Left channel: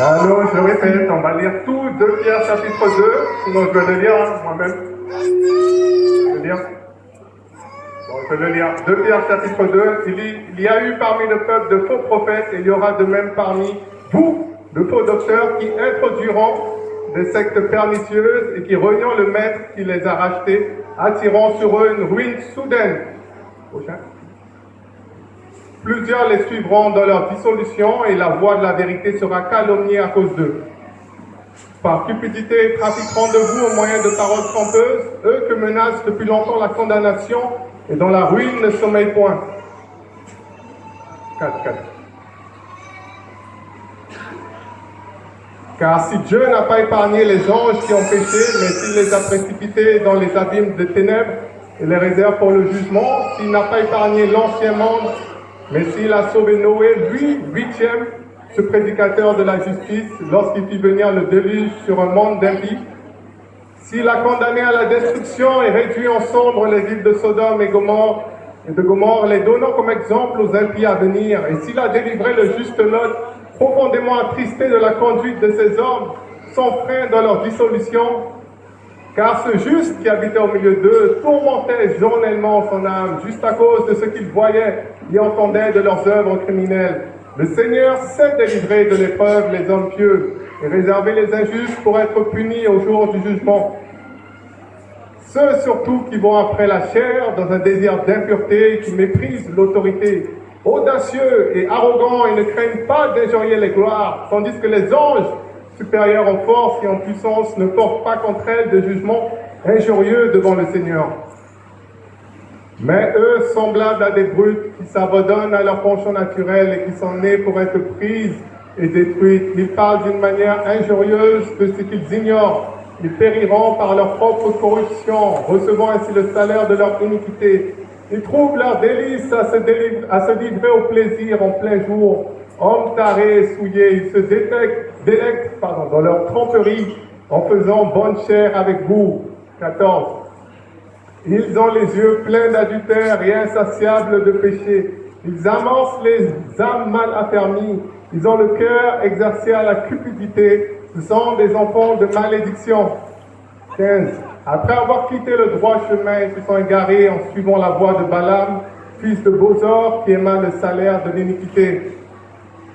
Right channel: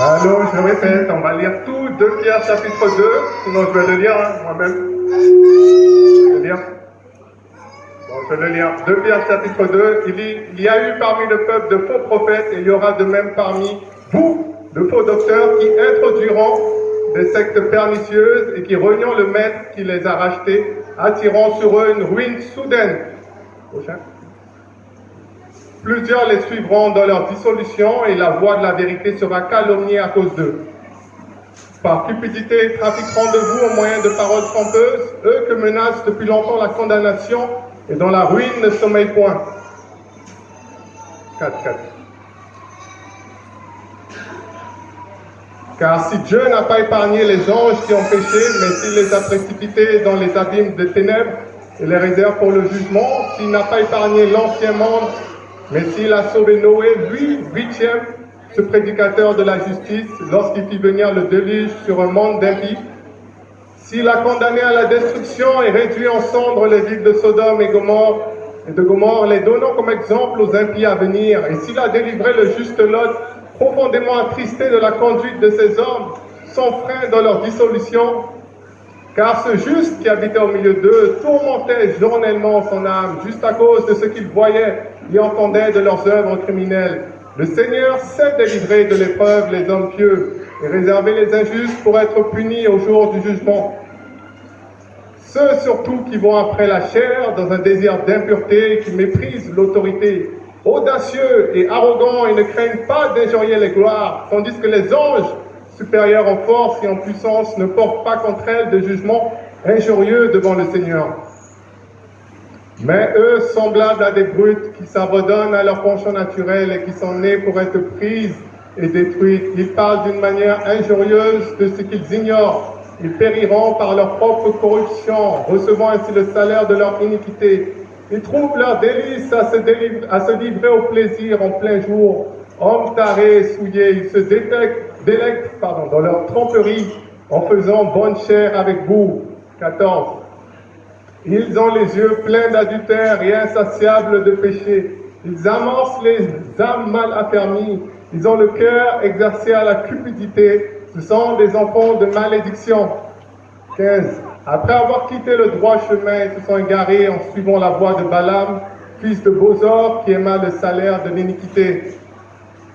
Alors, je répète, on va lire tout 2 Pierre chapitre 2, sinon je vais le lire moi-même. Je vais le lire. Bon, je vais le lire. 2 Pierre chapitre 2, il y a eu parmi le peuple de faux prophètes, et il y aura de même parmi vous de faux docteurs qui introduiront des sectes pernicieuses et qui reniant le maître qui les a rachetés, attirant sur eux une ruine soudaine. Prochain. Plusieurs les suivront dans leur dissolution et la voie de la vérité sera calomniée à cause d'eux. Par cupidité, trafiqueront de vous au moyen de paroles trompeuses, eux que menace depuis longtemps la condamnation et dont la ruine ne sommeille point. 4. Car si Dieu n'a pas épargné les anges qui ont péché, mais s'il les a précipités dans les abîmes de ténèbres et les réserve pour le jugement, s'il n'a pas épargné l'ancien monde, mais s'il a sauvé Noé, lui, 8e, ce prédicateur de la justice, lorsqu'il fit venir le déluge sur un monde d'impies, s'il a condamné à la destruction et réduit en cendres les villes de Sodome et de Gomorrhe, les donnant comme exemple aux impies à venir, et s'il a délivré le juste Lot, profondément attristé de la conduite de ces hommes, sans frein dans leur dissolution, car ce juste qui habitait au milieu d'eux tourmentait journellement son âme, juste à cause de ce qu'il voyait et entendait de leurs œuvres criminelles. Le Seigneur sait délivrer de l'épreuve les hommes pieux et réserver les injustes pour être punis au jour du jugement. Ceux surtout qui vont après la chair dans un désir d'impureté, qui méprisent l'autorité, audacieux et arrogants et ne craignent pas d'injurier les gloires, tandis que les anges, supérieurs en force et en puissance, ne portent pas contre elles de jugement injurieux devant le Seigneur. Mais eux, semblables à des brutes qui s'abandonnent à leur penchant naturel et qui sont nés pour être prises et détruites, ils parlent d'une manière injurieuse de ce qu'ils ignorent. Ils périront par leur propre corruption, recevant ainsi le salaire de leur iniquité. Ils trouvent leur délice à se livrer au plaisir en plein jour. Hommes tarés et souillés, ils se délectent dans leur tromperie en faisant bonne chère avec vous. 14. Ils ont les yeux pleins d'adultère et insatiables de péché. Ils amorcent les âmes mal affermies. Ils ont le cœur exercé à la cupidité. Ce sont des enfants de malédiction. 15. Après avoir quitté le droit chemin, ils se sont égarés en suivant la voie de Balaam, fils de Bosor, qui aima le salaire de l'iniquité.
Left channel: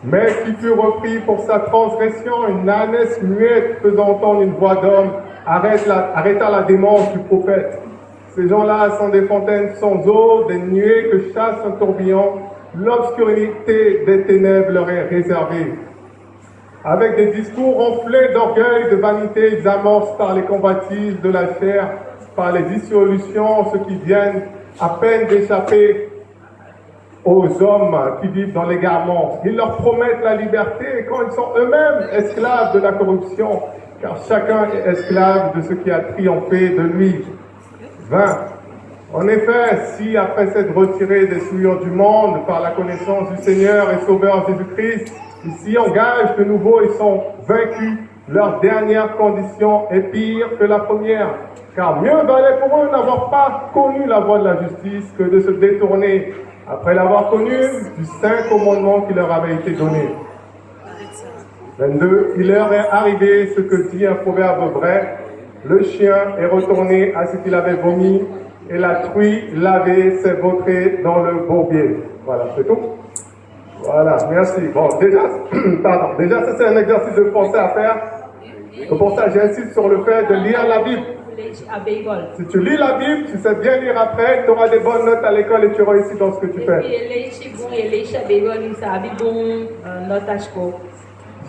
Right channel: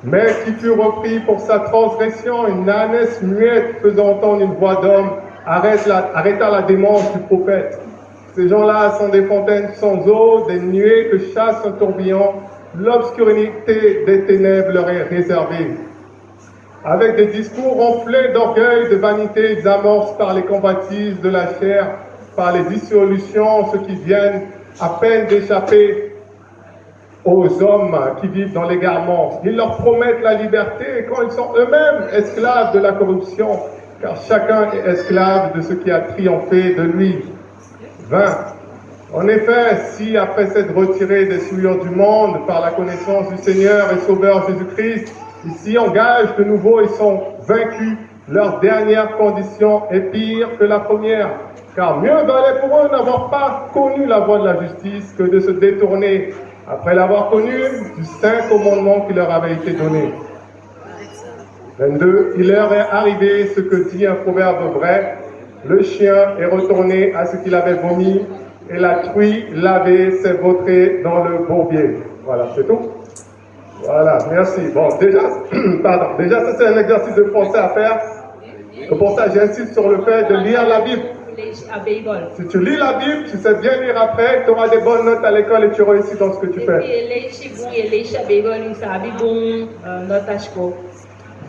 Mais qui fut repris pour sa transgression, une ânesse muette faisant entendre une voix d'homme, arrêta la démence du prophète. Ces gens-là sont des fontaines sans eau, des nuées que chasse un tourbillon, l'obscurité des ténèbres leur est réservée. Avec des discours enflés d'orgueil, de vanité, ils amorcent par les convoitises de la chair, par les dissolutions, ceux qui viennent à peine d'échapper aux hommes qui vivent dans l'égarement. Ils leur promettent la liberté quand ils sont eux-mêmes esclaves de la corruption, car chacun est esclave de ce qui a triomphé de lui. 20. En effet, si après s'être retirés des souillures du monde par la connaissance du Seigneur et Sauveur Jésus-Christ, ils s'y engagent de nouveau et sont vaincus, leur dernière condition est pire que la première. Car mieux valait pour eux n'avoir pas connu la voie de la justice que de se détourner, après l'avoir connu, du saint commandement qui leur avait été donné. 22. Il leur est arrivé ce que dit un proverbe vrai: le chien est retourné à ce qu'il avait vomi, et la truie lavée s'est vautrée dans le bourbier. Voilà, c'est tout. Voilà, merci. Bon, déjà, ça c'est un exercice de français à faire. Et pour ça, j'insiste sur le fait de lire la Bible. Si tu lis la Bible, tu sais bien lire après, tu auras des bonnes notes à l'école et tu réussis dans ce que tu fais.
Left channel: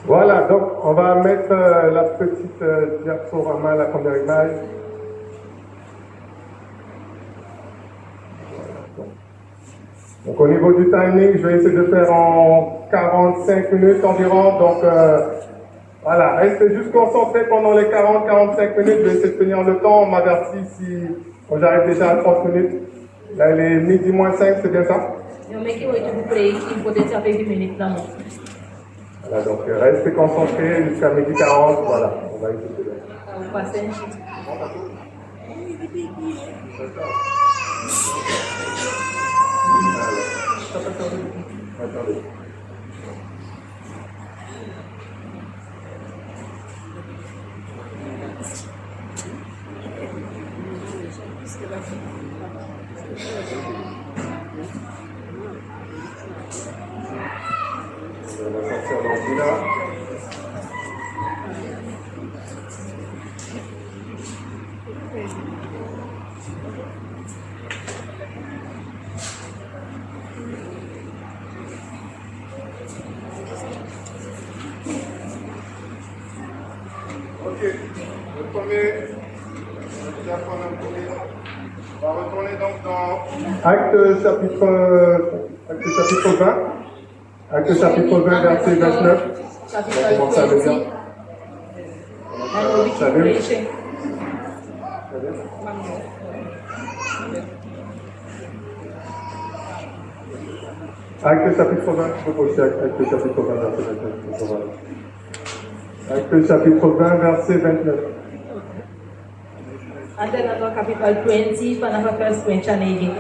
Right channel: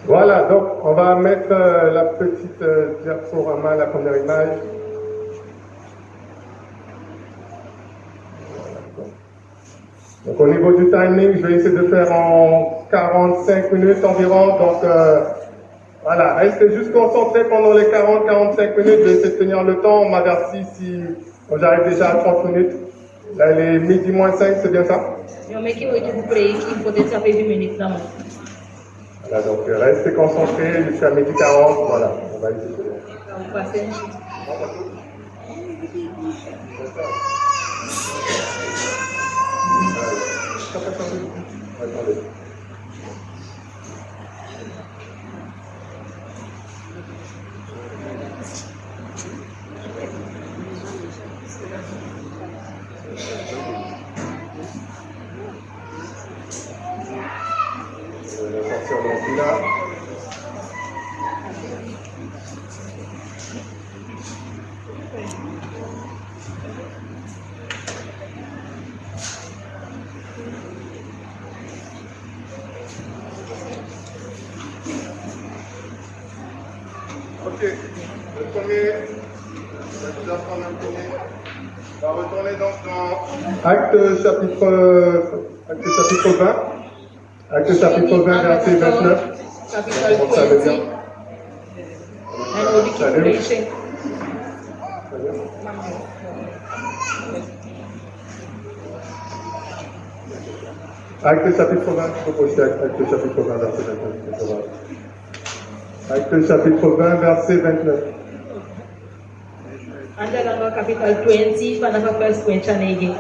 Voilà, donc on va mettre la petite diaporama, la première image. Donc au niveau du timing, je vais essayer de faire en 45 minutes environ. Donc voilà, restez juste concentrés pendant les 40-45 minutes. Je vais essayer de tenir le temps. On m'avertit si j'arrive déjà à 30 minutes. Là, il est midi moins 5, c'est bien ça? Voilà, donc restez concentrés jusqu'à midi 40. Voilà, on va essayer de faire. sur l'ordinateur. Ok, le premier, on va déjà prendre un premier. On va retourner donc dans Acte chapitre 20. Acte chapitre 20, verset 29. Capital 20. And all the calculation. Acte chapitre 20, je peux poster Acte chapitre 20, verset 29. Acte chapitre 20, verset 29. And then on capital 20, and the first question again.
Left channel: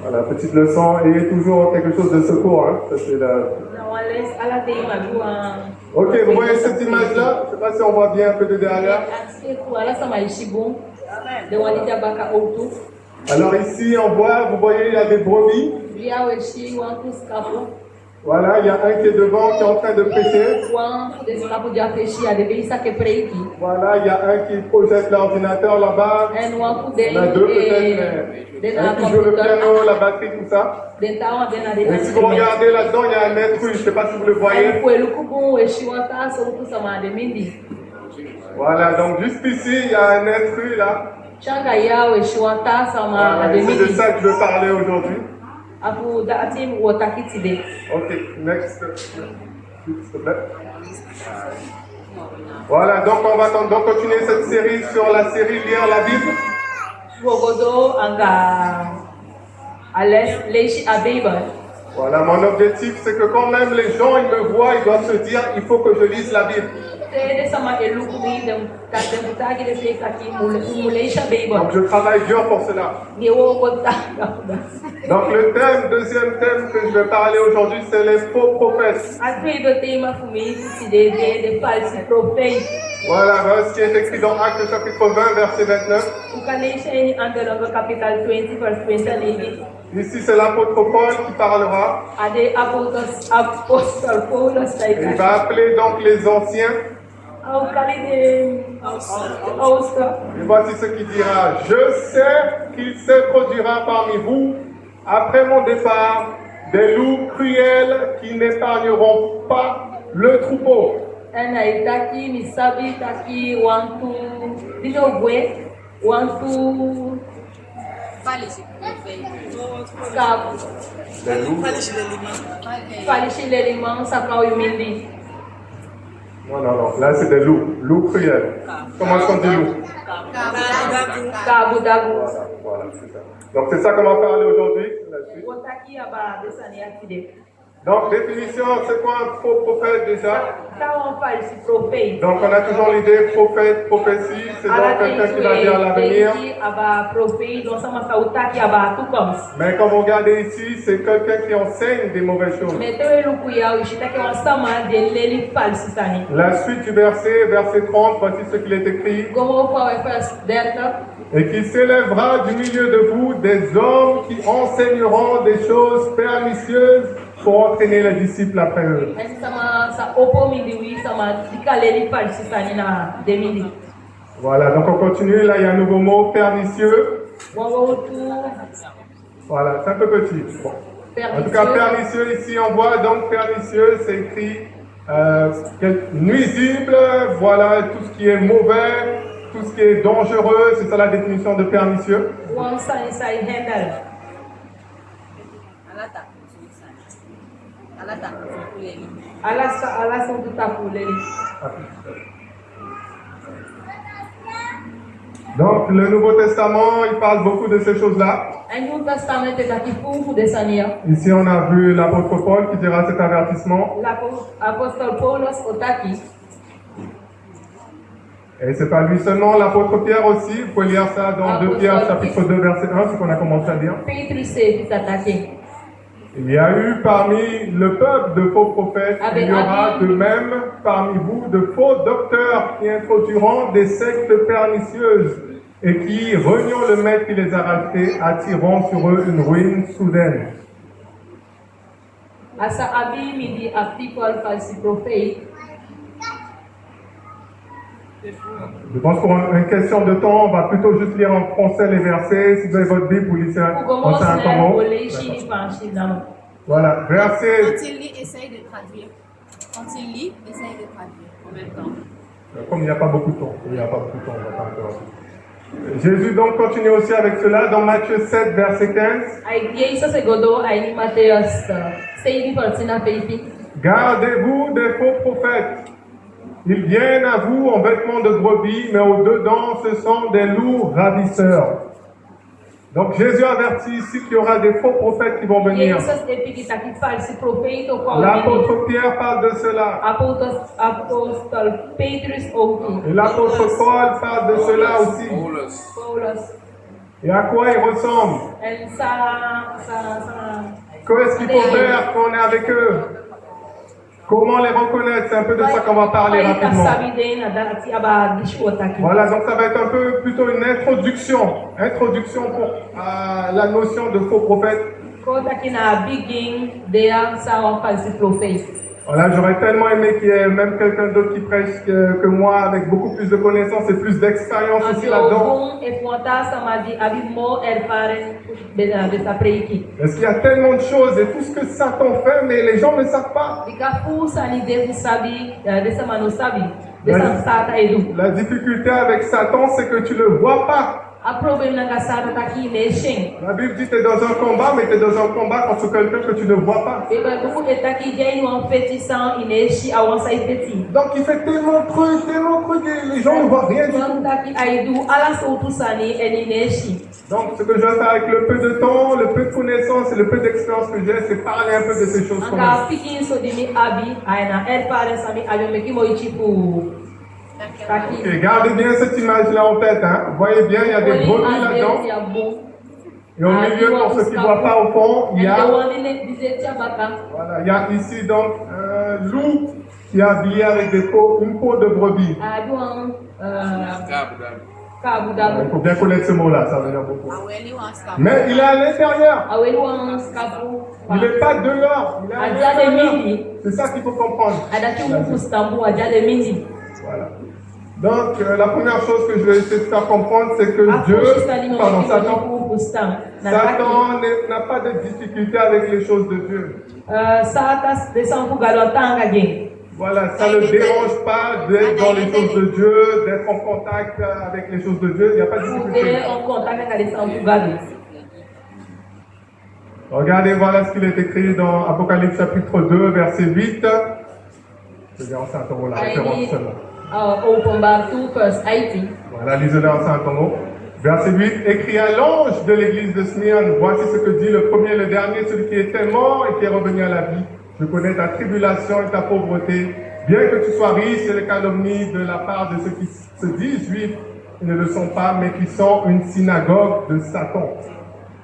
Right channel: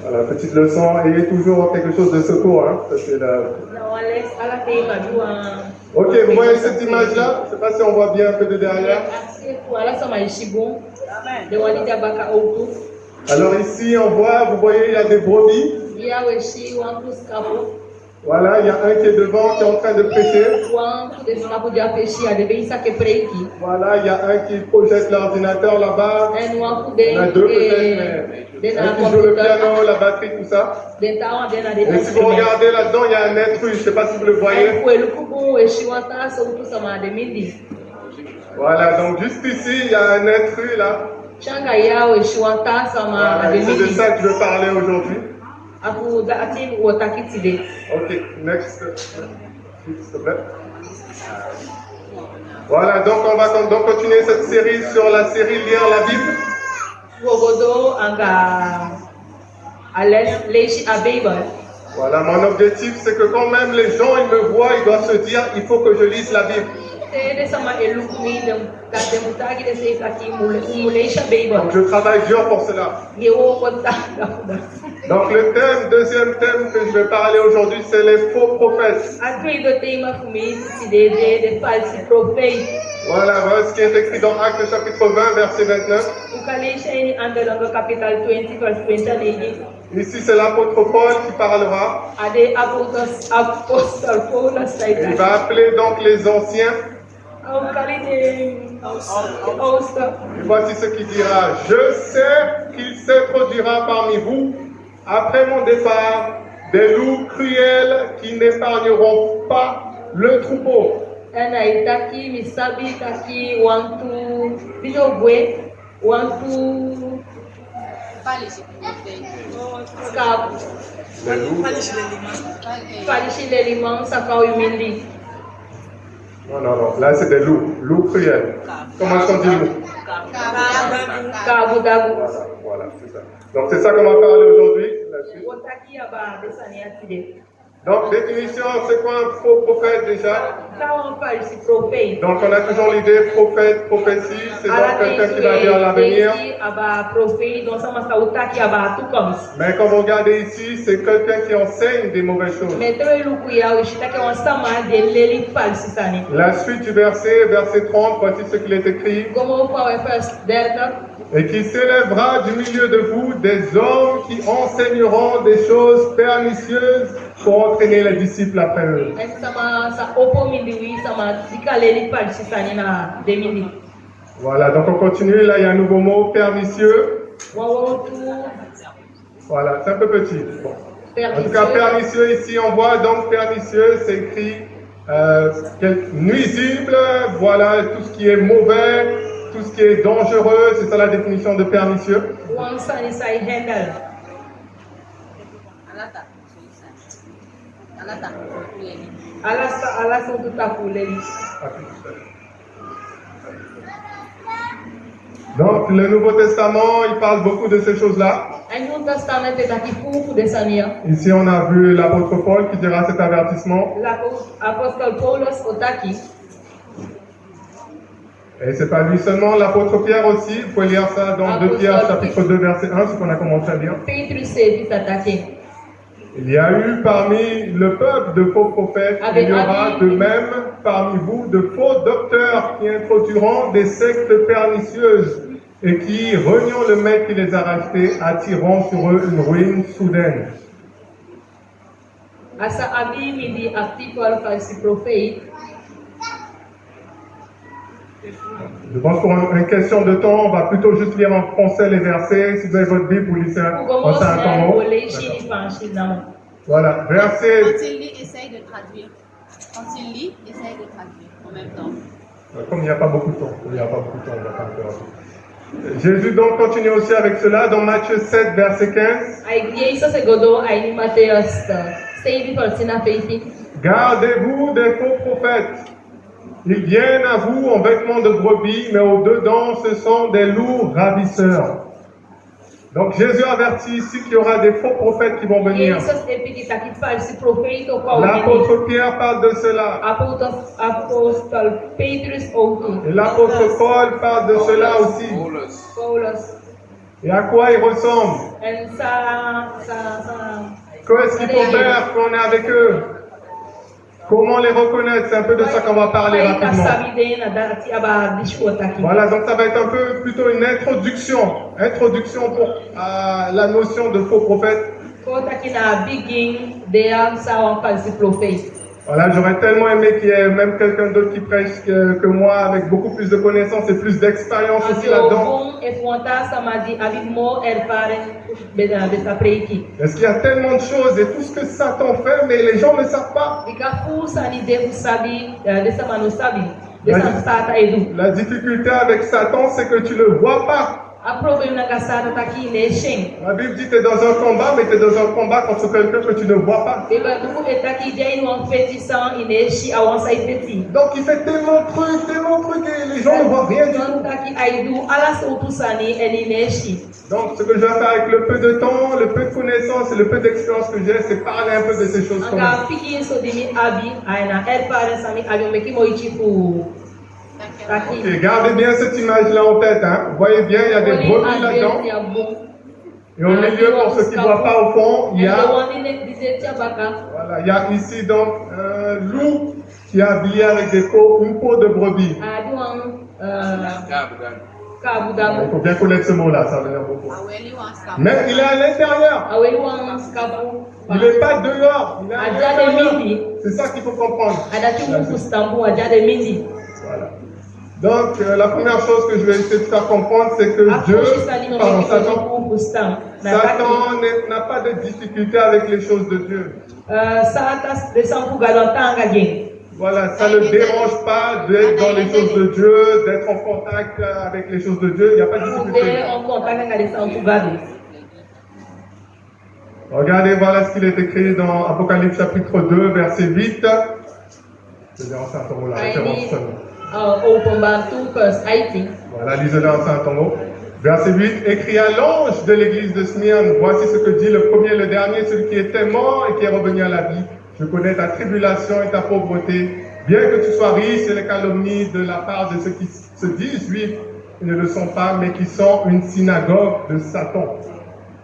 Voilà, petite leçon, ayez toujours quelque chose de secours. Hein. Ça, c'est la... Ok, vous voyez cette image-là? Je ne sais pas si on voit bien un peu de derrière. Alors ici, on voit, vous voyez, il y a des brebis. Voilà, il y a un qui est devant, qui est en train de prêcher. Voilà, il y a un qui projette l'ordinateur là-bas. Il y en a deux peut-être, mais un qui joue le piano, la batterie, tout ça. Et si vous regardez là-dedans, il y a un intrus, je ne sais pas si vous le voyez. Voilà, donc juste ici, il y a un intrus là. Voilà, et c'est de ça que je veux parler aujourd'hui. Ok, next. S'il te plaît. Voilà, donc on va donc continuer cette série sur la série Lire la Bible. Voilà, mon objectif c'est que quand même les gens ils me voient, ils doivent se dire il faut que je lise la Bible. Donc je travaille dur pour cela. Donc le thème, deuxième thème que je vais parler aujourd'hui, c'est les faux prophètes. Voilà, voilà ce qui est écrit dans Acte chapitre 20, verset 29. Ici c'est l'apôtre Paul qui parlera. Et il va appeler donc les anciens. Et voici ce qu'il dira. Je sais qu'il se produira parmi vous, après mon départ, des loups cruels qui n'épargneront pas le troupeau. Non, non, non. Là, c'est des loups. Loups cruels. Comment est-ce qu'on dit loup? Voilà, c'est ça. Donc, c'est ça qu'on va parler aujourd'hui. Donc, définition, c'est quoi un faux prophète déjà? Donc, on a toujours l'idée prophète, prophétie, c'est donc quelqu'un qui va dire l'avenir. Mais comme vous regardez ici, c'est quelqu'un qui enseigne des mauvaises choses. La suite du verset 30, voici ce qu'il est écrit. Et qui s'élèvera du milieu de vous des hommes qui enseigneront des choses pernicieuses pour entraîner les disciples après eux. Voilà, donc on continue. Là, il y a un nouveau mot, pernicieux. Voilà, c'est un peu petit. Bon. En tout cas, pernicieux, ici, on voit donc pernicieux, c'est écrit nuisible, voilà, tout ce qui est mauvais, tout ce qui est dangereux, c'est ça la définition de pernicieux. Ala são do Tapuleli. Donc le Nouveau Testament, il parle beaucoup de ces choses-là. Aí no Testamento está aqui pouco dessa minha. Ici, on a vu l'apôtre Paul qui dira cet avertissement. L'apôstolo Paulo está aqui. Et c'est pas lui seulement, l'apôtre Pierre aussi. Vous pouvez lire ça dans 2 Pierre chapitre 2 verset 1, ce qu'on a commencé à lire. Pedro sempre está aqui. Il y a eu parmi le peuple de faux prophètes, il y aura de même parmi vous de faux docteurs qui introduiront des sectes pernicieuses et qui, reniant le maître qui les a rachetés, attireront sur eux une ruine soudaine. Asa abi midi article falsi prophète. Je pense pour une question de temps, on va plutôt juste lire en français les versets. Si vous avez votre Bible, vous lisez en 5 mots. Voilà, verset. Quand il lit, essaye de traduire. Quand il lit, essaye de traduire en même temps. Comme il n'y a pas beaucoup de temps, on va pas encore. Jésus donc continue aussi avec cela dans Matthieu 7, verset 15. Gardez-vous des faux prophètes. Ils viennent à vous en vêtements de brebis, mais au-dedans, ce sont des loups ravisseurs. Donc Jésus avertit ici qu'il y aura des faux prophètes qui vont venir. L'apôtre Pierre parle de cela. Et l'apôtre Paul parle de cela aussi. Et à quoi ils ressemblent? Qu'est-ce qu'il faut faire quand on est avec eux? Comment les reconnaître? C'est un peu de ça qu'on va parler rapidement. Voilà, donc ça va être un peu plutôt une introduction pour la notion de faux prophète. Voilà, j'aurais tellement aimé qu'il y ait même quelqu'un d'autre qui prêche que moi, avec beaucoup plus de connaissances et plus d'expérience aussi là-dedans. Parce qu'il y a tellement de choses et tout ce que Satan fait, mais les gens ne savent pas. La difficulté avec Satan, c'est que tu ne le vois pas. La Bible dit que tu es dans un combat, mais tu es dans un combat contre quelqu'un que tu ne vois pas. Donc il fait tellement de trucs, et les gens ne voient rien du tout. Donc ce que je vais faire avec le peu de temps, le peu de connaissances et le peu d'expérience que j'ai, c'est parler un peu de ces choses comme ça. Ok, gardez bien cette image-là en tête. Hein. Vous voyez bien, il y a des brebis là-dedans. Et au milieu, pour ceux qui ne voient pas au fond, il y a, voilà, il y a ici donc un loup qui est habillé avec une peau de brebis. Il faut bien connaître ce mot-là, ça veut dire beaucoup. Mais il est à l'intérieur. Il n'est pas dehors, il est à l'intérieur. C'est ça qu'il faut comprendre. Voilà. Donc, la première chose que je vais essayer de faire comprendre, c'est que Satan n'a pas de difficulté avec les choses de Dieu. Voilà, ça ne dérange pas d'être dans les choses de Dieu, d'être en contact avec les choses de Dieu, il n'y a pas de difficulté. Regardez, voilà ce qu'il est écrit dans Apocalypse chapitre 2, verset 8. Je vais en Saint-Tombeau, la référence seulement. Voilà, lisez-le en Saint-Tombeau. Verset 8, écrit à l'ange de l'église de Smyrne, voici ce que dit le premier et le dernier, celui qui était mort et qui est revenu à la vie. Je connais ta tribulation et ta pauvreté, bien que tu sois riche et les calomnies de la part de ceux qui se disent juifs et ne le sont pas, mais qui sont une synagogue de Satan.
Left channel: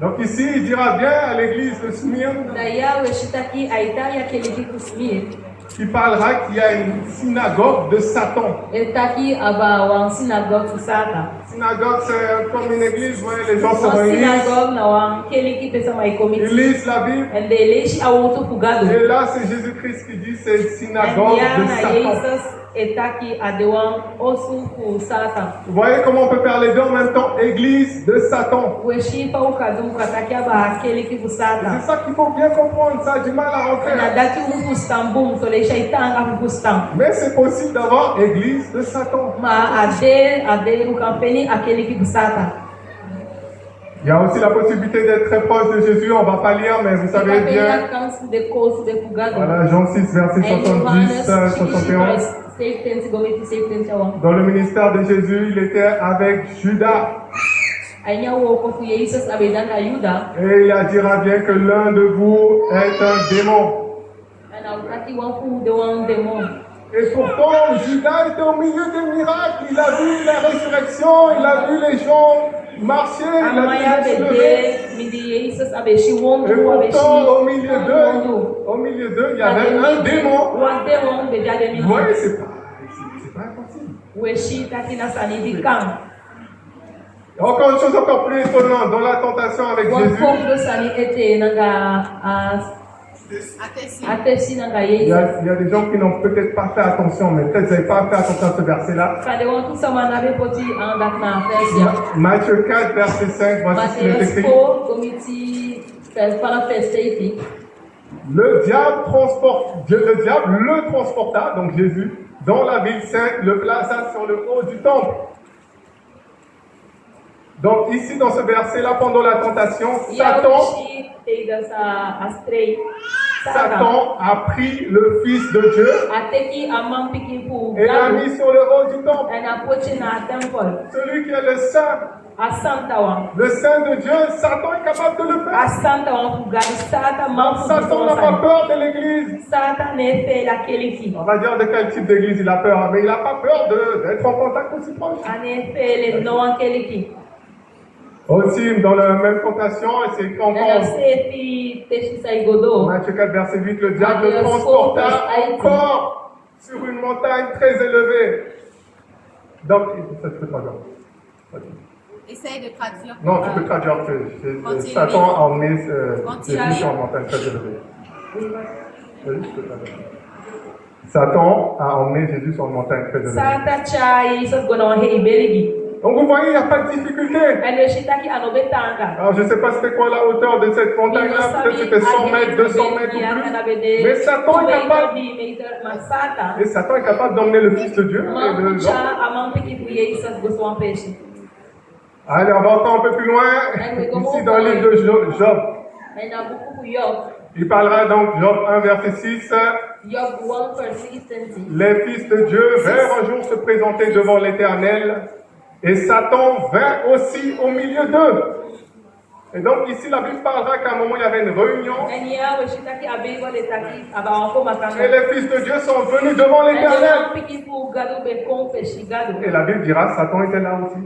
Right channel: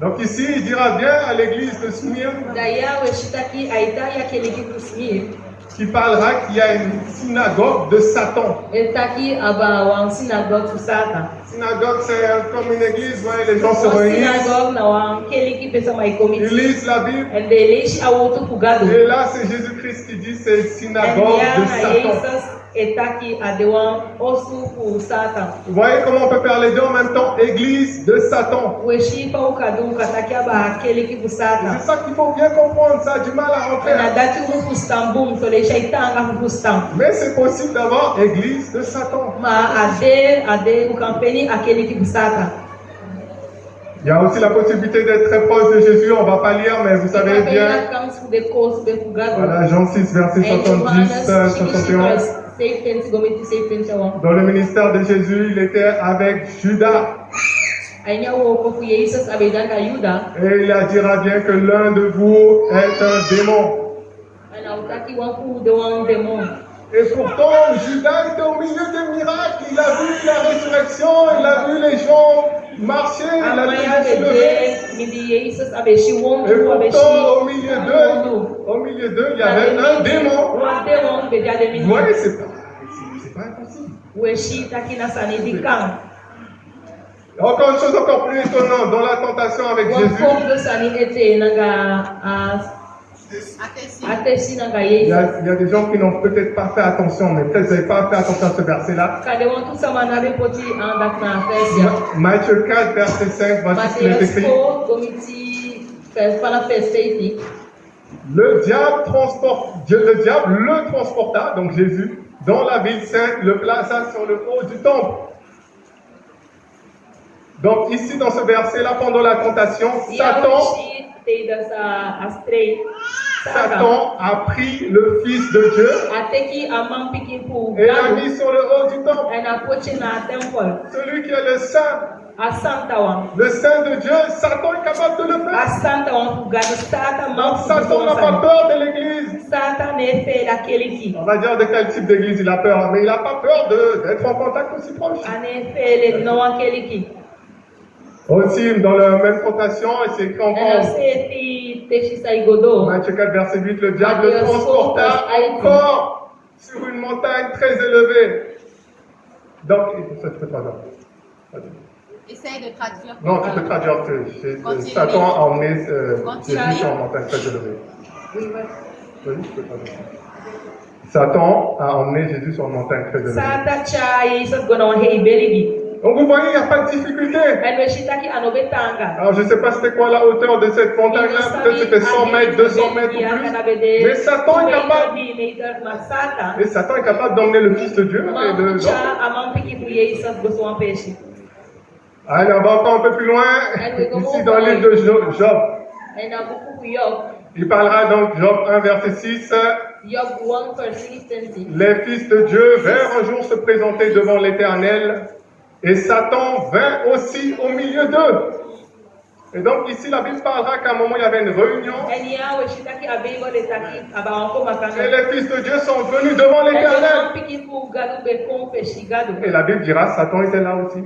Donc ici, il dira bien à l'église de Smyrne, qui parlera qu'il y a une synagogue de Satan. Synagogue, c'est comme une église où les gens se réunissent, ils lisent la Bible, et là c'est Jésus-Christ qui dit c'est synagogue de Satan. Vous voyez comment on peut faire les deux en même temps, église de Satan. Et c'est ça qu'il faut bien comprendre, ça a du mal à rentrer. Mais c'est possible d'avoir église de Satan. Il y a aussi la possibilité d'être très proche de Jésus. On ne va pas lire, mais vous savez bien. Voilà, Jean 6, verset 70, 71. Dans le ministère de Jésus, il était avec Judas. Et il dira bien que l'un de vous est un démon. Et pourtant, Judas était au milieu des miracles. Il a vu la résurrection, il a vu les gens marcher, il a vu les gens se lever. Et pourtant, au milieu d'eux, il y avait un démon. Vous voyez, c'est pas impossible. Encore une chose encore plus étonnante, dans la tentation avec Jésus, il y a des gens qui n'ont peut-être pas fait attention, mais peut-être vous n'avez pas fait attention à ce verset-là. Matthieu 4, verset 5, voici ce qui est écrit. Le diable le transporta, donc Jésus, dans la ville sainte, le plaça sur le haut du temple. Donc ici, dans ce verset-là, pendant la tentation, Satan a pris le Fils de Dieu et l'a mis sur le haut du temple. Celui qui est le Saint de Dieu, Satan est capable de le faire. Satan n'a pas peur de l'église. On va dire de quel type d'église il a peur, mais il n'a pas peur d'être en contact aussi proche. Aussi, dans la même tentation, c'est écrit encore. Matthieu 4, verset 8, le diable le transporta encore sur une montagne très élevée. Donc, ça tu peux traduire. Essaye de traduire. Non, tu peux traduire que Satan a emmené Jésus sur une montagne très élevée. Oui, tu peux traduire. Satan a emmené Jésus sur une montagne très élevée. Donc vous voyez, il n'y a pas de difficulté. Alors je ne sais pas c'était quoi la hauteur de cette montagne-là, peut-être c'était 100 mètres, 200 mètres ou plus. Mais Satan est capable. Et Satan est capable d'emmener le Fils de Dieu et de l'homme. Allez, on va encore un peu plus loin, ici dans le livre de Job. Il parlera donc, Job 1, verset 6. Les fils de Dieu vinrent un jour se présenter devant l'Éternel. Et Satan vint aussi au milieu d'eux. Et donc ici, la Bible parlera qu'à un moment, il y avait une réunion. Et les fils de Dieu sont venus devant l'Éternel. Et la Bible dira, Satan était là aussi.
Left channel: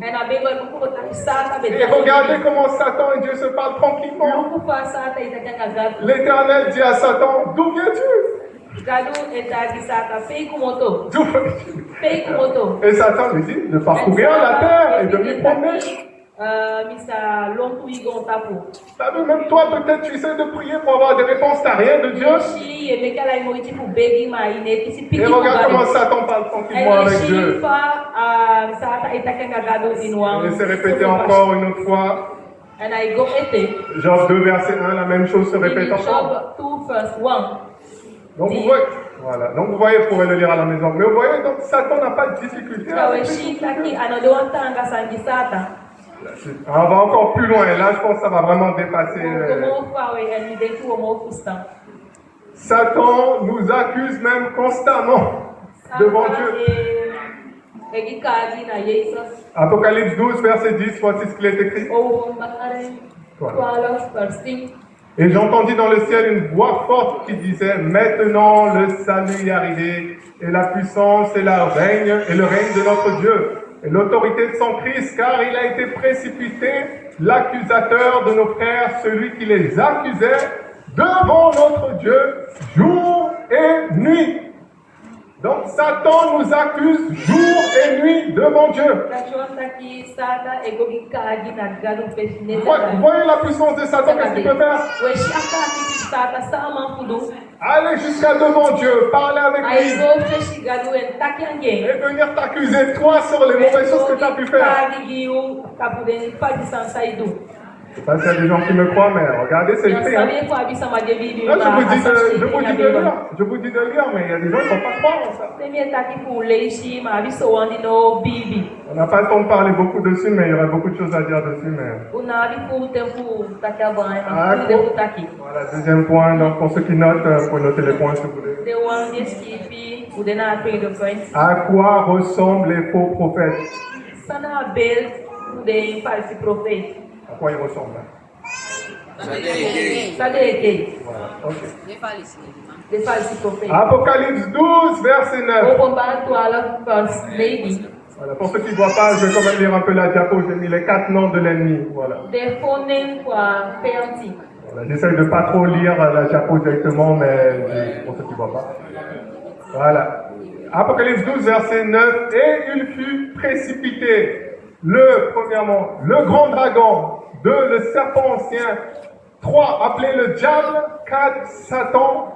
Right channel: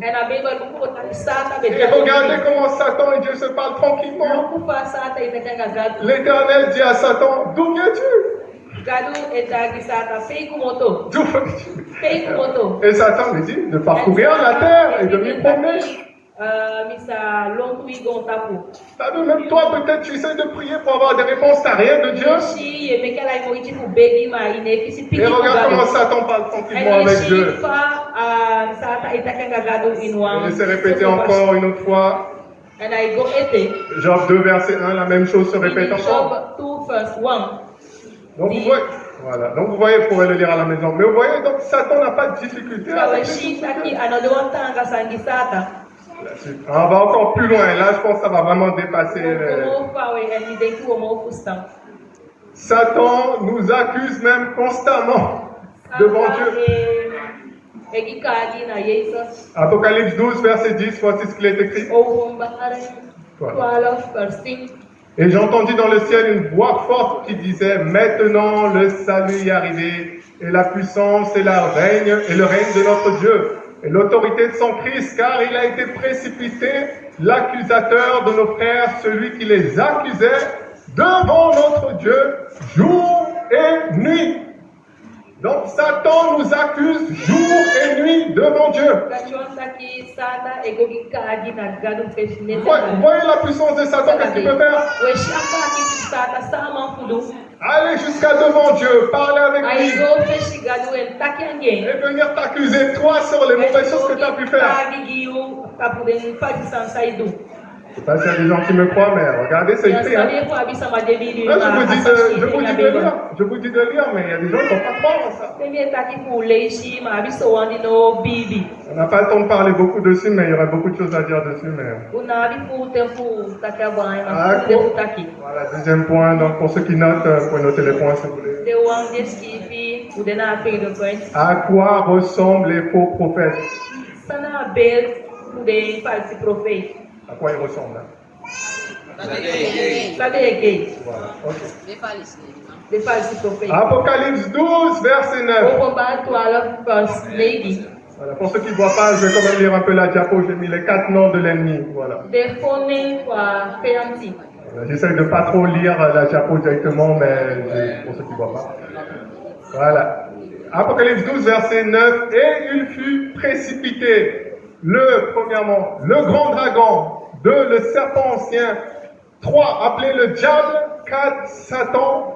Et regardez comment Satan et Dieu se parlent tranquillement. L'Éternel dit à Satan, d'où viens-tu? Et Satan lui dit de parcourir la terre et de lui promener. Même toi, peut-être tu essaies de prier pour avoir des réponses, tu n'as rien de Dieu. Et regarde comment Satan parle tranquillement avec Dieu. Il s'est répété encore une autre fois. Job 2, verset 1, la même chose se répète encore. Donc vous voyez, voilà. Donc vous voyez, vous pourrez le lire à la maison. Mais vous voyez, donc Satan n'a pas de difficulté. On va encore plus loin. Là, je pense que ça va vraiment dépasser. Satan nous accuse même constamment devant Dieu. Apocalypse 12, verset 10, voici ce qu'il est écrit. Voilà. Et j'entendis dans le ciel une voix forte qui disait, maintenant le salut est arrivé, et la puissance et le règne de notre Dieu, et l'autorité de son Christ, car il a été précipité, l'accusateur de nos frères, celui qui les accusait, devant notre Dieu, jour et nuit. Donc Satan nous accuse jour et nuit devant Dieu. Vous voyez la puissance de Satan, qu'est-ce qu'il peut faire? Aller jusqu'à devant Dieu, parler avec lui. Et venir t'accuser, toi, sur les mauvaises choses que tu as pu faire. Je sais pas s'il y a des gens qui me croient, mais regardez, c'est Yang écrit. Hein. sabi ko abi sama David Là, je vous dis de lire. Je vous dis de lire, mais il y a des gens qui ne vont pas croire en ça. Premier taki pour leishi ma abi so wandi no bibi. On n'a pas le temps de parler beaucoup dessus, mais il y aurait beaucoup de choses à dire dessus. Mais... Una abi pour tempo taki abang Ah, ma pour taki. Voilà, deuxième point. Donc, pour ceux qui notent, vous pouvez noter les points si vous voulez. The one just kipi udena apik the point. À quoi ressemblent les faux prophètes? Sana bel de falsi prophète. À quoi ils ressemblent hein? Sabe que Voilà, ok. de falsi prophète. Apocalypse 12, verset 9. O combat to ala first lady. Voilà, pour ceux qui ne voient pas, je vais quand même lire un peu la diapo. J'ai mis les 4 noms de l'ennemi. Voilà. The phone kwa peanti. Voilà, j'essaye de ne pas trop lire la diapo directement, mais pour ceux qui ne voient pas. Voilà. Apocalypse 12, verset 9. Et il fut précipité. Premièrement, le grand dragon. 2, le serpent ancien. 3, appelé le diable. 4, Satan.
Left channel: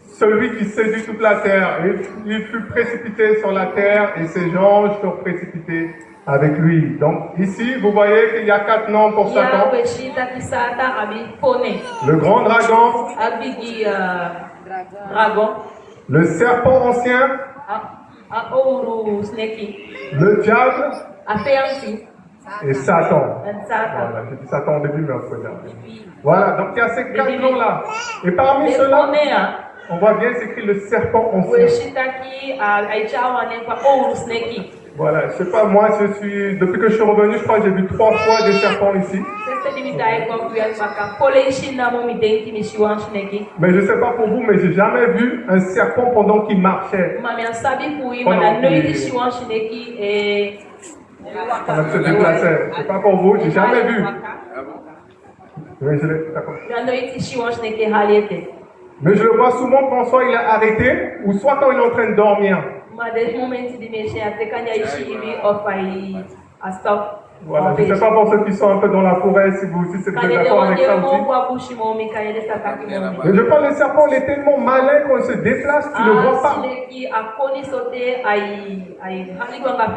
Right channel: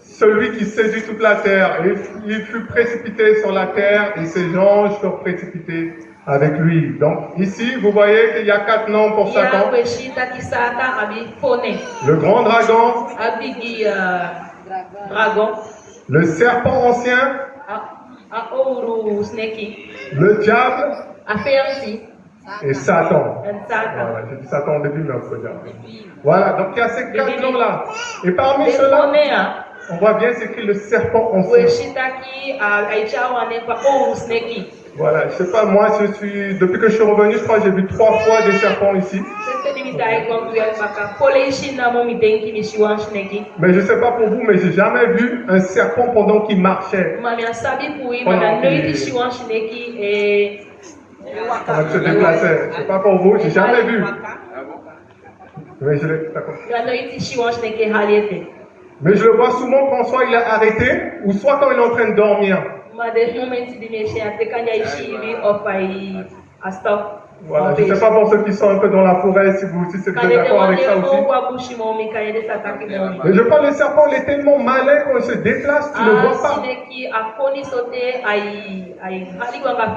Celui qui séduit toute la terre. Il fut précipité sur la terre et ses anges furent précipités avec lui. Donc ici, vous voyez qu'il y a 4 noms pour Satan. Le grand dragon, le serpent ancien, le diable et Satan. Voilà, j'ai dit Satan au début, mais on peut dire. Voilà, donc il y a ces 4 noms-là. Et parmi ceux-là, on voit bien c'est écrit le serpent ancien. Voilà, je sais pas, moi, depuis que je suis revenu, je crois que j'ai vu 3 fois des serpents ici. Mais je sais pas pour vous, mais j'ai jamais vu un serpent pendant qu'il marchait. Pendant qu'il se déplaçait. C'est pas pour vous, j'ai jamais vu. Oui, mais je le vois souvent quand soit il est arrêté, ou soit quand il est en train de dormir. Voilà, je ne sais pas pour ceux qui sont un peu dans la forêt, si c'est d'accord avec ça aussi. Mais je crois que le serpent, il est tellement malin quand il se déplace, tu ne le vois pas.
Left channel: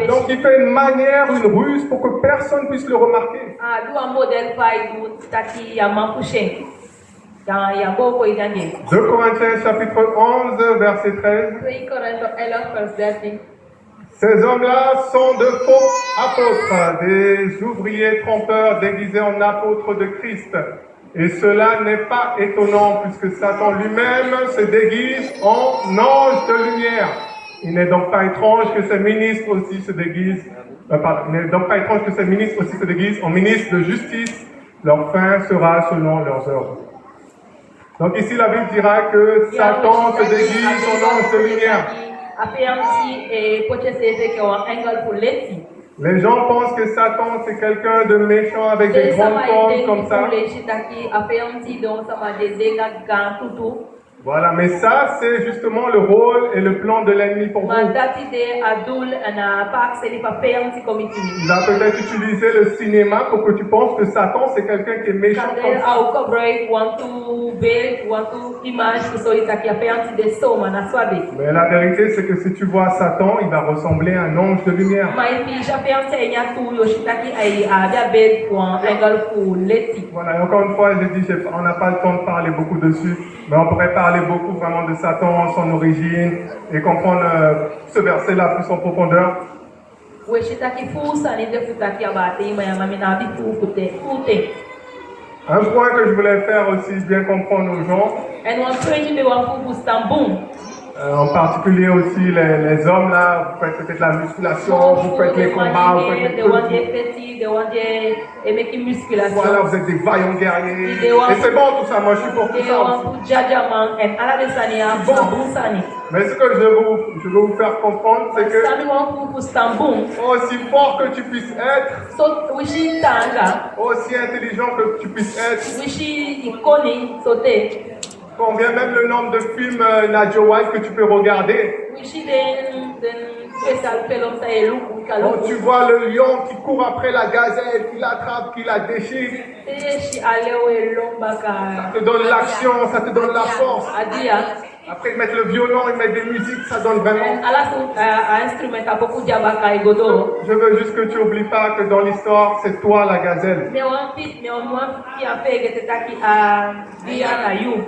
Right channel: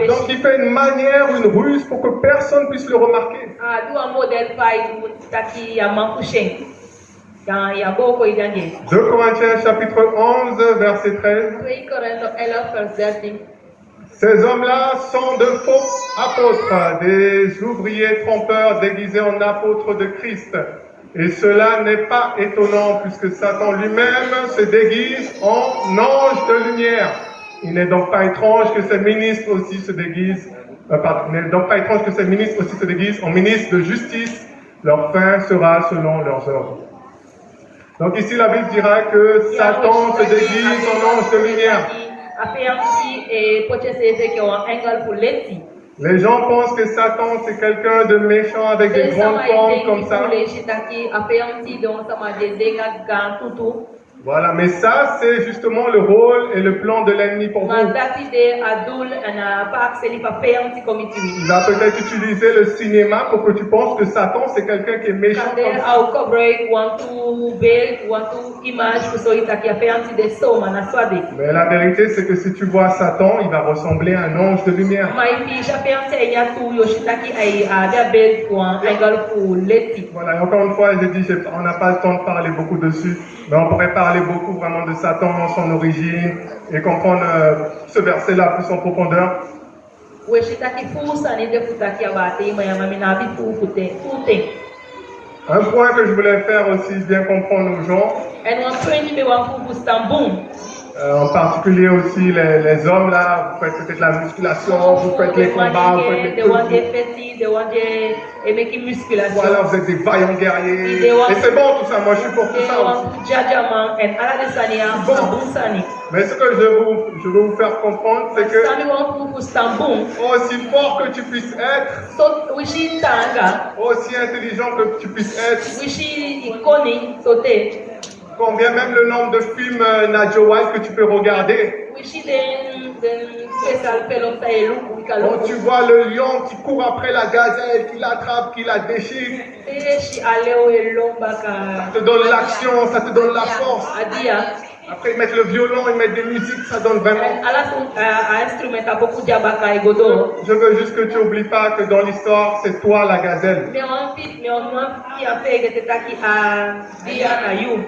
Donc il fait une manière, une ruse pour que personne ne puisse le remarquer. 2 Corinthiens chapitre 11, verset 13. Ces hommes-là sont de faux apôtres, des ouvriers trompeurs déguisés en apôtres de Christ. Et cela n'est pas étonnant puisque Satan lui-même se déguise en ange de lumière. Il n'est donc pas étrange que ses ministres aussi se déguisent, en ministres de justice. Leur fin sera selon leurs œuvres. Donc ici la Bible dira que Satan se déguise en ange de lumière. Les gens pensent que Satan c'est quelqu'un de méchant avec des grandes cornes comme ça. Voilà, mais ça c'est justement le rôle et le plan de l'ennemi pour vous. Il va peut-être utiliser le cinéma pour que tu penses que Satan c'est quelqu'un qui est méchant comme ça. Mais la vérité c'est que si tu vois Satan, il va ressembler à un ange de lumière. Voilà, encore une fois, j'ai dit, on n'a pas le temps de parler beaucoup dessus, mais on pourrait parler beaucoup vraiment de Satan, son origine, et comprendre ce verset-là plus en profondeur. Un point que je voulais faire aussi bien comprendre aux gens, en particulier aussi les hommes là, vous faites peut-être la musculation, vous faites les combats, vous faites les voilà, vous êtes des vaillants guerriers. Et c'est bon tout ça, moi je suis pour tout ça aussi. Bon. Mais ce que je veux vous faire comprendre, c'est que aussi fort que tu puisses être, aussi intelligent que tu puisses être, combien même le nombre de films Nadia Wild que tu peux regarder. Quand tu vois le lion qui court après la gazelle, qui l'attrape, qui la déchire, ça te donne l'action, ça te donne la force. Après, ils mettent le violon, ils mettent des musiques, ça donne vraiment. Instrumenta pouco diabaca e godoro. Je veux juste que tu n'oublies pas que dans l'histoire, c'est toi la gazelle. Meu qui a fait que t'es qui a via na you.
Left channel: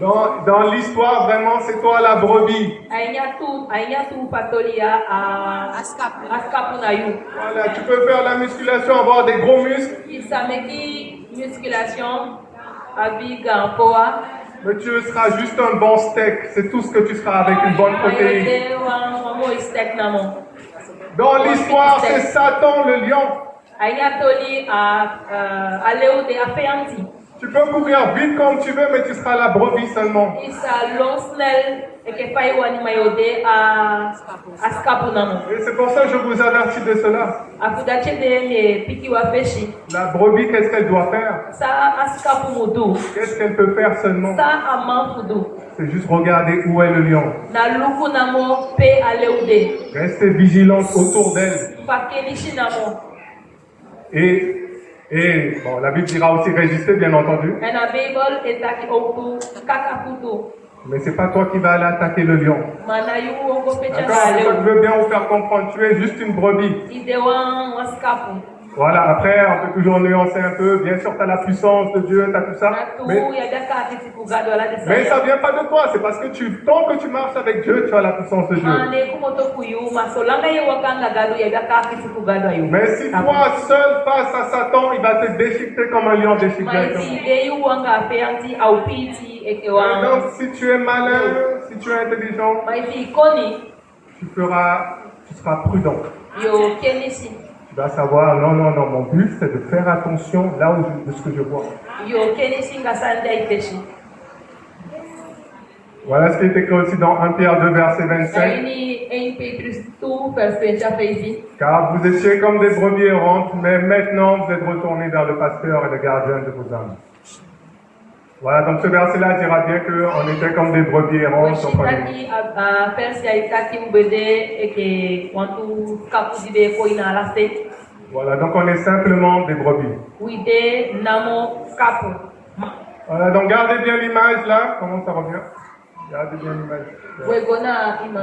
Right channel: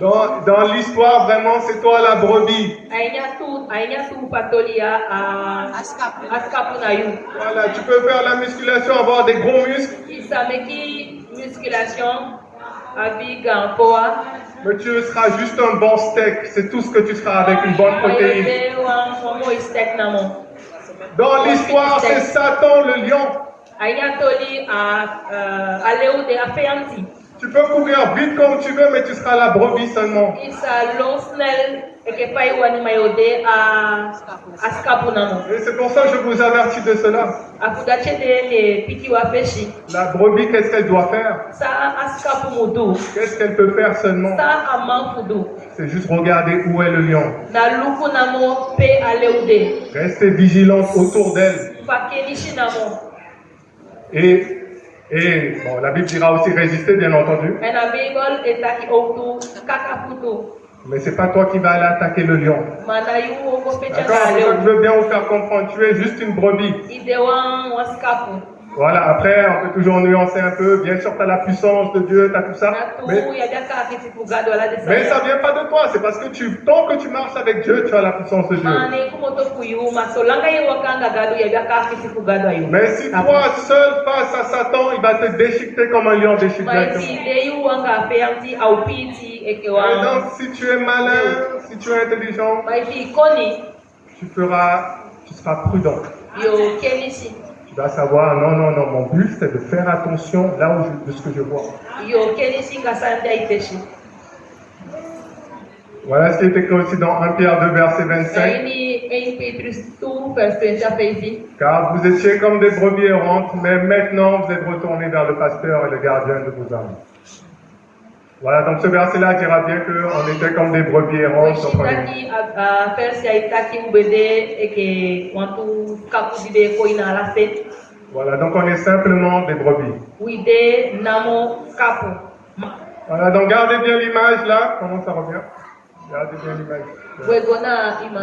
Dans l'histoire, vraiment, c'est toi la brebis. Ainya tu patolia a askapu na you. Voilà, tu peux faire la musculation, avoir des gros muscles. Ça me qui musculation avec un poids. Mais tu seras juste un bon steak, c'est tout ce que tu seras avec une bonne protéine. Dans l'histoire, c'est Satan le lion. Tu peux courir vite comme tu veux, mais tu seras la brebis seulement. Et c'est pour ça que je vous avertis de cela. La brebis, qu'est-ce qu'elle doit faire? Qu'est-ce qu'elle peut faire seulement? C'est juste regarder où est le lion. Restez vigilante autour d'elle. Et bon, la Bible dira aussi résister, bien entendu. Mais c'est pas toi qui vas aller attaquer le lion. D'accord, je veux bien vous faire comprendre, tu es juste une brebis. Voilà, après, on peut toujours nuancer un peu. Bien sûr, tu as la puissance de Dieu, tu as tout ça. Mais ça ne vient pas de toi, c'est parce que tant que tu marches avec Dieu, tu as la puissance de Dieu. Mais si toi, seul face à Satan, il va te déchiqueter comme un lion déchiqueté. Et donc, si tu es malin, si tu es intelligent, tu seras prudent. Tu vas savoir, non, mon but c'est de faire attention là de ce que je vois. Voilà ce qui est écrit aussi dans 1 Pierre 2, verset 25. Car vous étiez comme des brebis errantes, mais maintenant vous êtes retournés vers le pasteur et le gardien de vos âmes. Voilà, donc ce verset-là dira bien qu'on était comme des brebis errantes. Voilà, donc on est simplement des brebis. Voilà, donc gardez bien l'image là. Comment ça revient? Gardez bien l'image.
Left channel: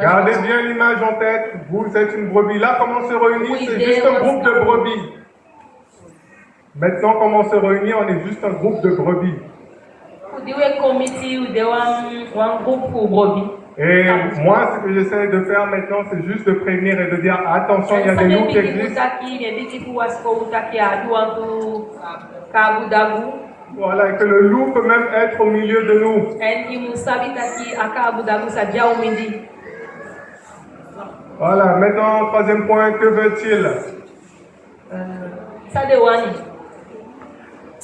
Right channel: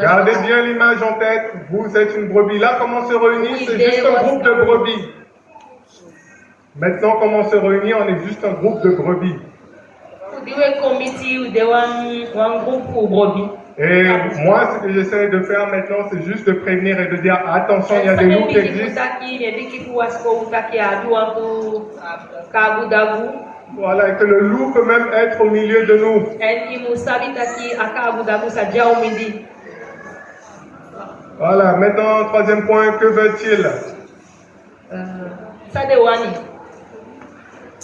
Gardez bien l'image en tête. Vous êtes une brebis. Là, comment on se réunit? C'est juste un groupe de brebis. Maintenant, comment on se réunit? On est juste un groupe de brebis. Et moi, ce que j'essaie de faire maintenant, c'est juste de prévenir et de dire attention, il y a des loups qui existent. Voilà, et que le loup peut même être au milieu de nous. Voilà, maintenant, troisième point, que veut-il?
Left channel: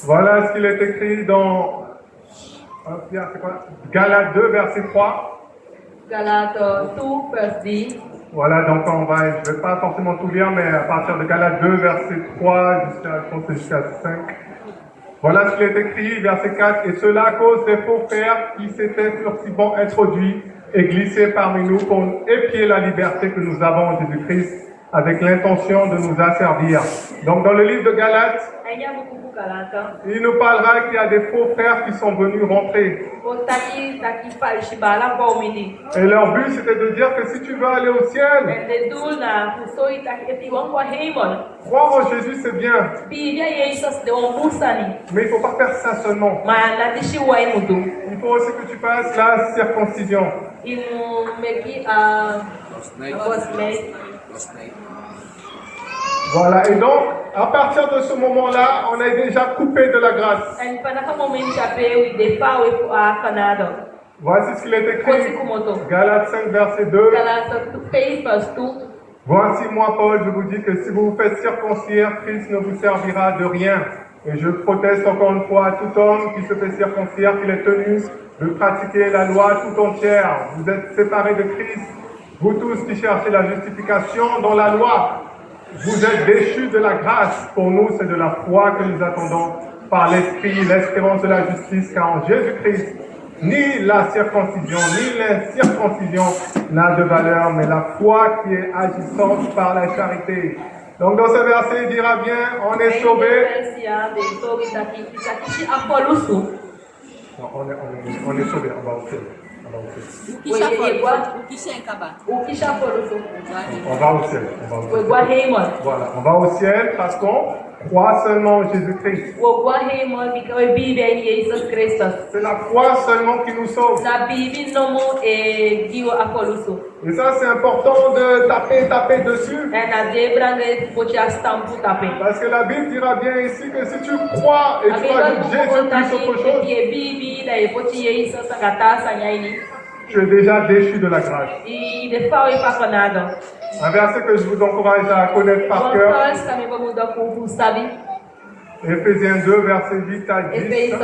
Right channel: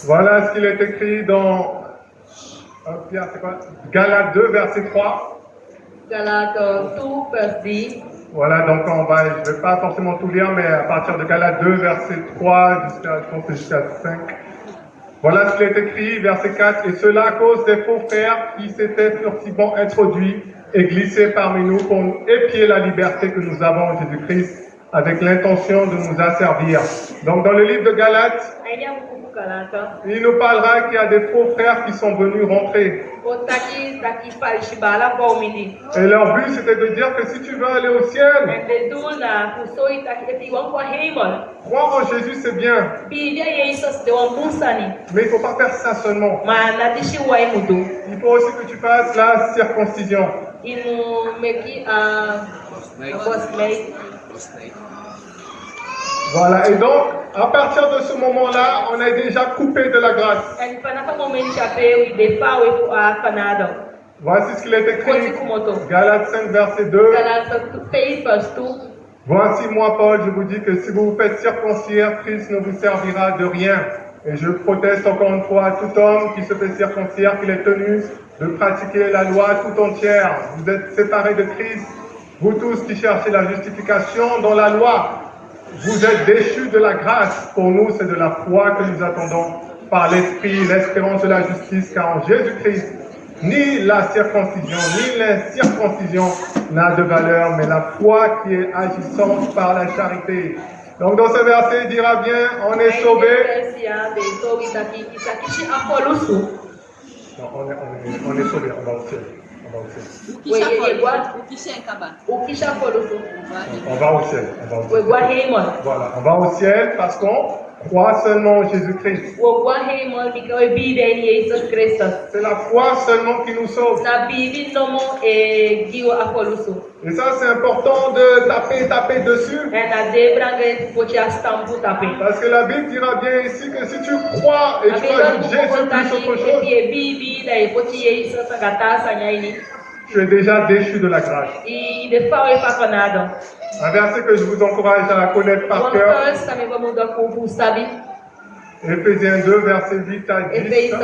Voilà ce qu'il est écrit dans Galates 2, verset 3. Galates 2, verset 10. Voilà, donc je ne vais pas forcément tout lire, mais à partir de Galates 2, verset 3 jusqu'à 5. Voilà ce qu'il est écrit, verset 4. Et cela à cause des faux frères qui s'étaient furtivement introduits et glissés parmi nous pour épier la liberté que nous avons en Jésus-Christ avec l'intention de nous asservir. Donc dans le livre de Galates, il nous parlera qu'il y a des faux frères qui sont venus rentrer. Et leur but c'était de dire que si tu veux aller au ciel, croire en Jésus c'est bien. Mais il ne faut pas faire ça seulement. Il faut aussi que tu fasses la circoncision. Voilà, et donc, à partir de ce moment-là, on est déjà coupé de la grâce. Voici ce qu'il est écrit, Galates 5, verset 2. Voici moi, Paul, je vous dis que si vous vous faites circoncire, Christ ne vous servira de rien. Et je proteste encore une fois à tout homme qui se fait circoncire qu'il est tenu de pratiquer la loi tout entière. Vous êtes séparés de Christ, vous tous qui cherchez la justification dans la loi. Vous êtes déchus de la grâce. Pour nous, c'est de la foi que nous attendons par l'Esprit, l'espérance de la justice, car en Jésus-Christ, ni la circoncision, ni l'incirconcision n'a de valeur, mais la foi qui est agissante par la charité. Donc dans ce verset, il dira bien, on est sauvé. Non, on est sauvé, on va au ciel. Ukisha fol, ukisha enkaba. Ukisha foluso. On va au ciel. On va au ciel. Wegwa hemon. Voilà, on va au ciel parce qu'on croit seulement en Jésus-Christ. Wegwa hemon bikawe bibe ni Jesus Christus. C'est la foi seulement qui nous sauve. Na bibi nomo e giwo afoluso. Et ça, c'est important de taper dessus. Na debrange pocha stampu tape. Parce que la Bible dira bien ici que si tu crois et tu ajoutes Jésus plus autre chose, tu es déjà déchu de la grâce. Un verset que je vous encourage à connaître par cœur. Éphésiens 2, verset 8 à 10.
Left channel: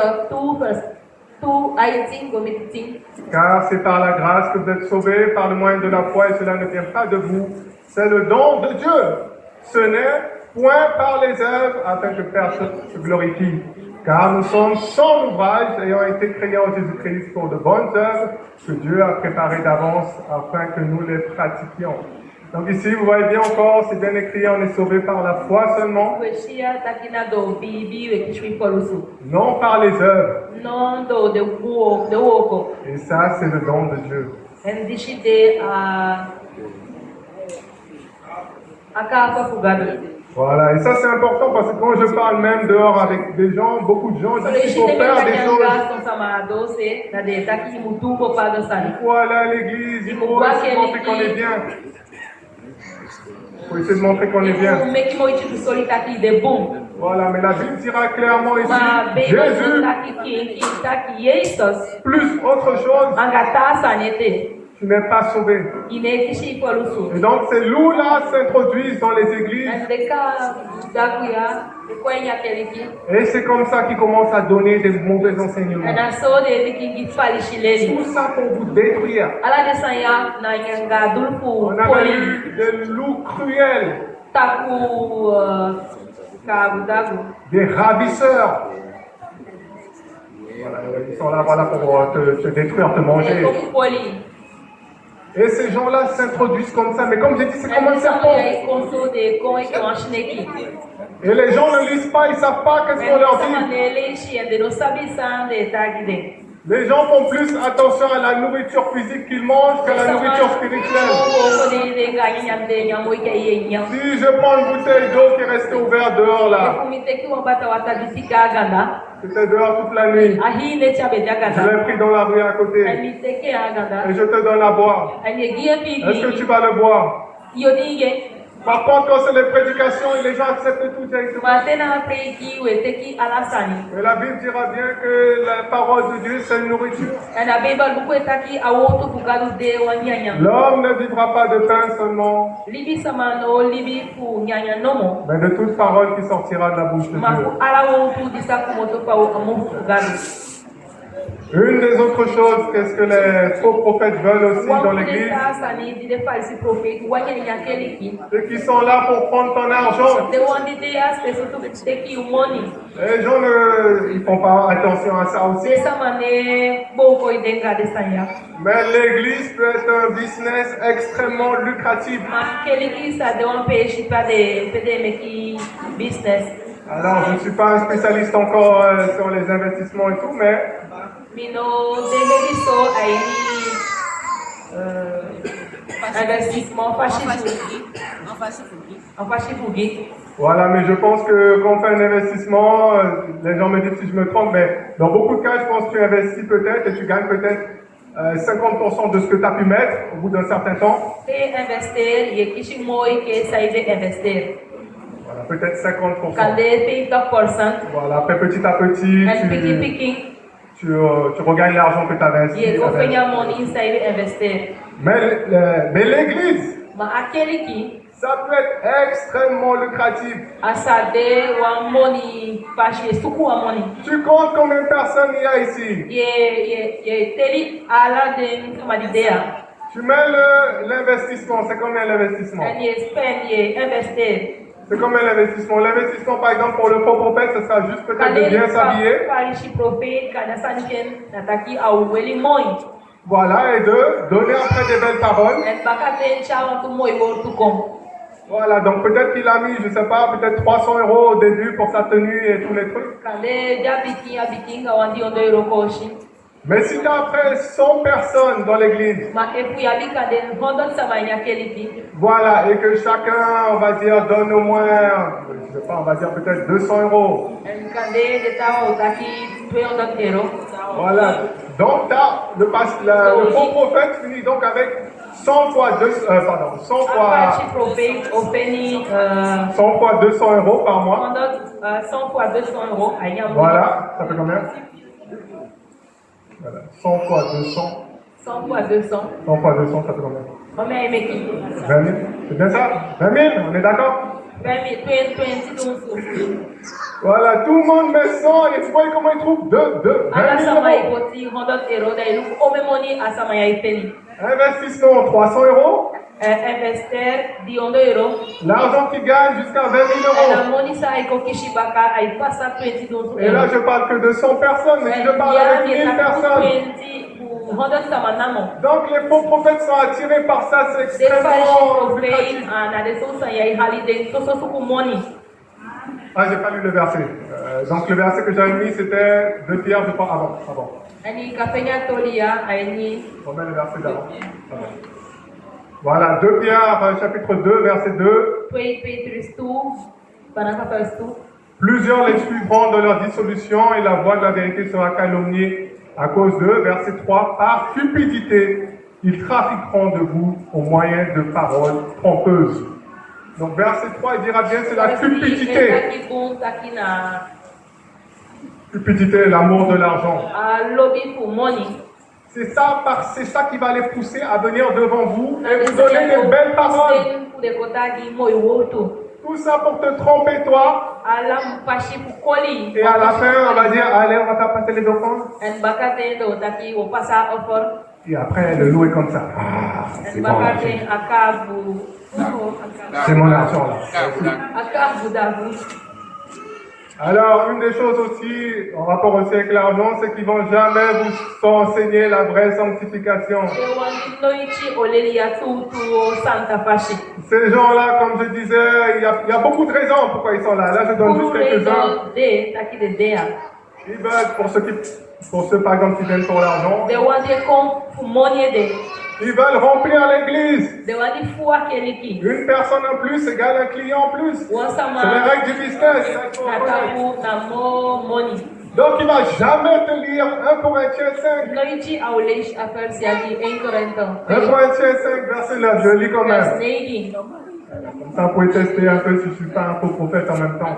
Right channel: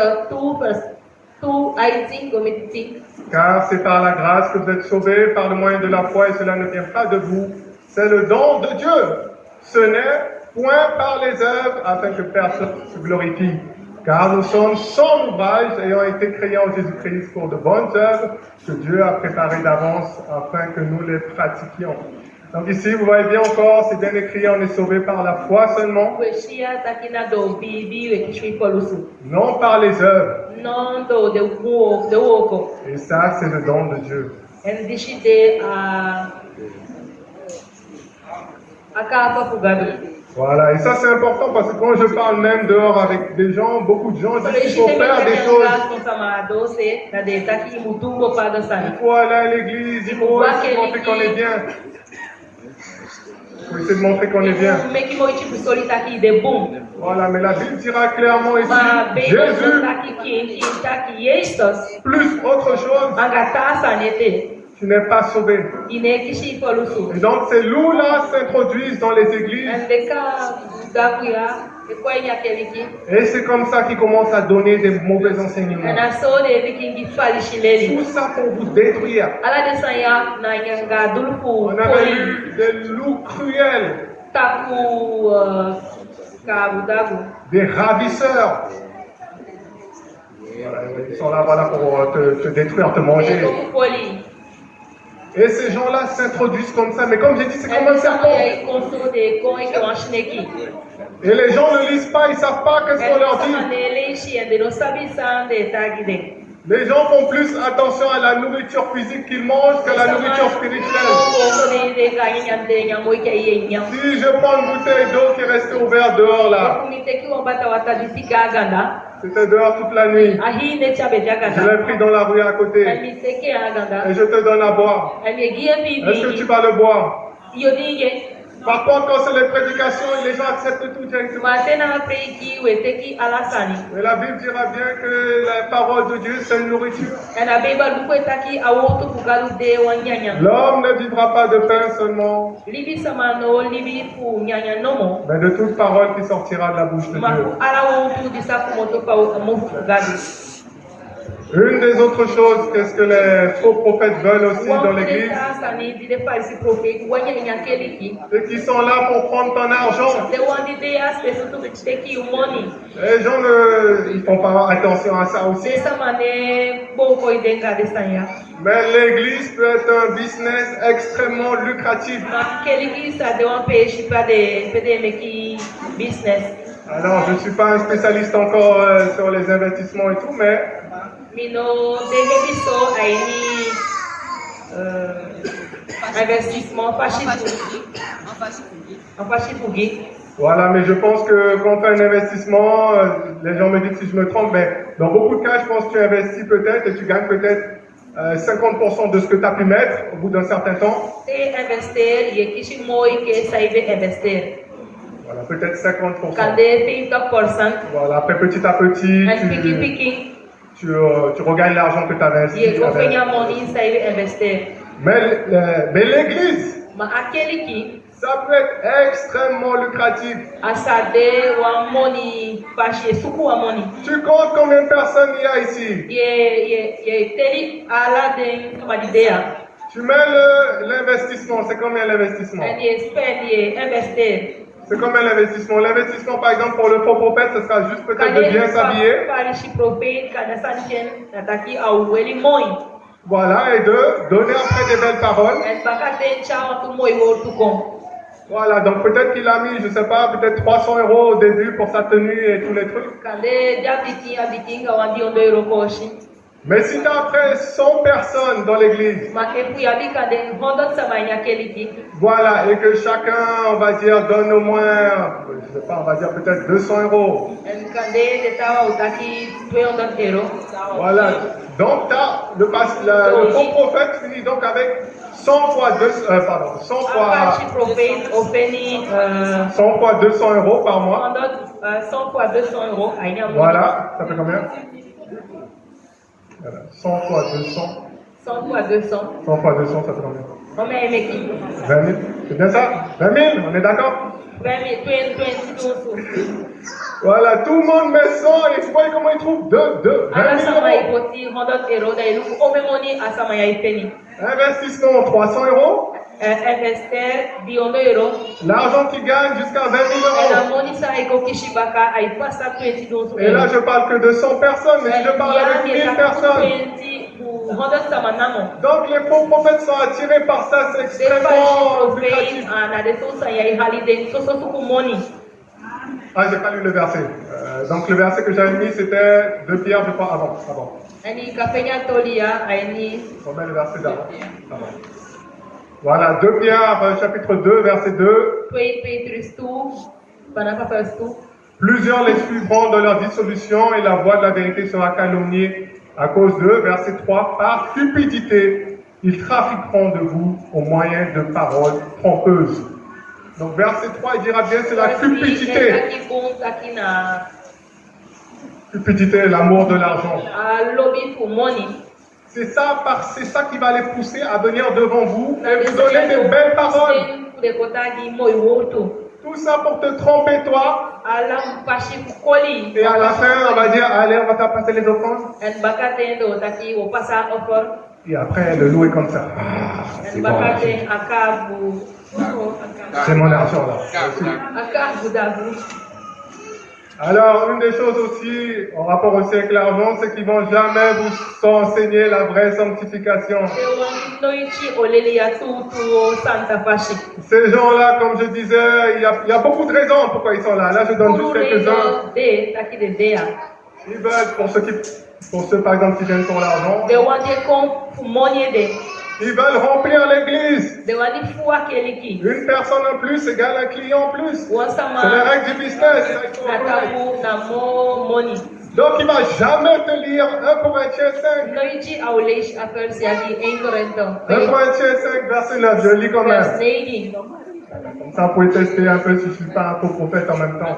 Car c'est par la grâce que vous êtes sauvés par le moyen de la foi et cela ne vient pas de vous. C'est le don de Dieu. Ce n'est point par les œuvres afin que personne se glorifie. Car nous sommes son ouvrage ayant été créés en Jésus-Christ pour de bonnes œuvres que Dieu a préparées d'avance afin que nous les pratiquions. Donc ici, vous voyez bien encore, c'est bien écrit, on est sauvé par la foi seulement. Non par les œuvres. Et ça, c'est le don de Dieu. Voilà, et ça c'est important parce que quand je parle même dehors avec des gens, beaucoup de gens disent qu'il faut faire des choses. Il faut aller à l'église, il faut essayer de montrer qu'on est bien. Il faut essayer de montrer qu'on est bien. Voilà, mais la Bible dira clairement ici, Jésus, plus autre chose, tu n'es pas sauvé. Et donc ces loups-là s'introduisent dans les églises. Et c'est comme ça qu'ils commencent à donner des mauvais enseignements. Tout ça pour vous détruire. On a eu des loups cruels. Des ravisseurs. Voilà, ils sont là voilà, pour te détruire, te manger. Et ces gens-là s'introduisent comme ça, mais comme j'ai dit, c'est comme un serpent. Et les gens ne lisent pas, ils ne savent pas qu'est-ce qu'on leur dit. Les gens font plus attention à la nourriture physique qu'ils mangent que la nourriture spirituelle. Si je prends une bouteille d'eau qui est restée ouverte dehors là, c'était dehors toute la nuit. Je l'ai pris dans la rue à côté. Et je te donne à boire. Est-ce que tu vas le boire? Par contre, quand c'est les prédications, les gens acceptent tout directement. Mais la Bible dira bien que la parole de Dieu, c'est une nourriture. L'homme ne vivra pas de pain seulement, mais de toute parole qui sortira de la bouche de Dieu. Une des autres choses, qu'est-ce que les faux prophètes veulent aussi dans l'église, c'est qu'ils sont là pour prendre ton argent. Les gens ne font pas attention à ça aussi. Mais l'église peut être un business extrêmement lucratif. Alors, je ne suis pas un spécialiste encore sur les investissements et tout, mais voilà, mais je pense que quand on fait un investissement, les gens me disent si je me trompe, mais dans beaucoup de cas, je pense que tu investis peut-être et tu gagnes peut-être 50% de ce que tu as pu mettre au bout d'un certain temps. Voilà, peut-être 50%. Voilà, après petit à petit, tu regagnes l'argent que tu avais investi. Mais l'église, ça peut être extrêmement lucratif. Tu comptes combien de personnes il y a ici? Tu mets l'investissement, c'est combien l'investissement? C'est combien l'investissement? L'investissement, par exemple, pour le faux prophète, ce sera juste peut-être de bien s'habiller. Voilà, et de donner après des belles paroles. Voilà, donc peut-être qu'il a mis, je ne sais pas, peut-être 300 € au début pour sa tenue et tous les trucs. Mais si tu as après 100 personnes dans l'église, Ma epu ya bika den hondot samanya keliki. voilà, et que chacun, on va dire, donne au moins, je sais pas, on va dire peut-être 200 euros. En kande de tawa utaki 200 euro. Voilà. Donc, le faux prophète finit donc avec 100 fois 100 Apache prophet openi 100 fois 200 euros par mois. hondot 100 fois 200 euro. Aïe, Voilà, ça fait combien? Voilà, 100 fois 200. 100 fois 200. 100 fois 200, ça fait combien? Combien est meki? 20 000. C'est bien ça? 20 000, on est d'accord? 20 000, 20 Voilà, tout le monde met 100 et vous voyez comment ils trouvent 20 Ala 000 samaya euros. ipoti hondot euro da ilu omemoni asamaya ipeni. Investissement 300 euros. Investir di ondo euro. L'argent qu'ils gagnent jusqu'à 20 000 La euros. moni sa iko kishibaka ay pasa 20 euro. Et là, je parle que de 100 personnes, mais si je parle avec 1000 personnes. Donc les faux prophètes sont attirés par ça, c'est extrêmement lucratif. Ah, j'ai pas lu le verset. Donc le verset que j'avais mis, c'était 2 Pierre, je crois, avant. Remets le verset d'avant. Voilà, 2 Pierre, chapitre 2, verset 2. Plusieurs les suivront dans leur dissolution et la voix de la vérité sera calomniée à cause d'eux. Verset 3. Par cupidité, ils trafiqueront de vous au moyen de paroles trompeuses. Donc verset 3, il dira bien, c'est la cupidité. Cupidité, l'amour de l'argent. C'est ça qui va les pousser à venir devant vous et vous donner des belles paroles. Tout ça pour te tromper toi. Et à la fin, on va dire, allez, on va t'apporter les offrandes. Et après, le loup est comme ça. Ah, c'est bon. C'est mon argent là. Alors, une des choses aussi, en rapport aussi avec l'argent, c'est qu'ils vont jamais vous enseigner la vraie sanctification. Ces gens-là, comme je disais, il y a beaucoup de raisons pourquoi ils sont là. Là, je donne juste quelques-uns. Ils veulent, pour ceux par exemple qui viennent pour l'argent, ils veulent remplir l'église. Une personne en plus égale un client en plus. C'est les règles du business. Donc il ne va jamais te lire 1 Corinthiens 5. 1 Corinthiens 5, verset 9, je lis quand même. Comme ça, vous pouvez tester un peu si je ne suis pas un faux prophète en même temps.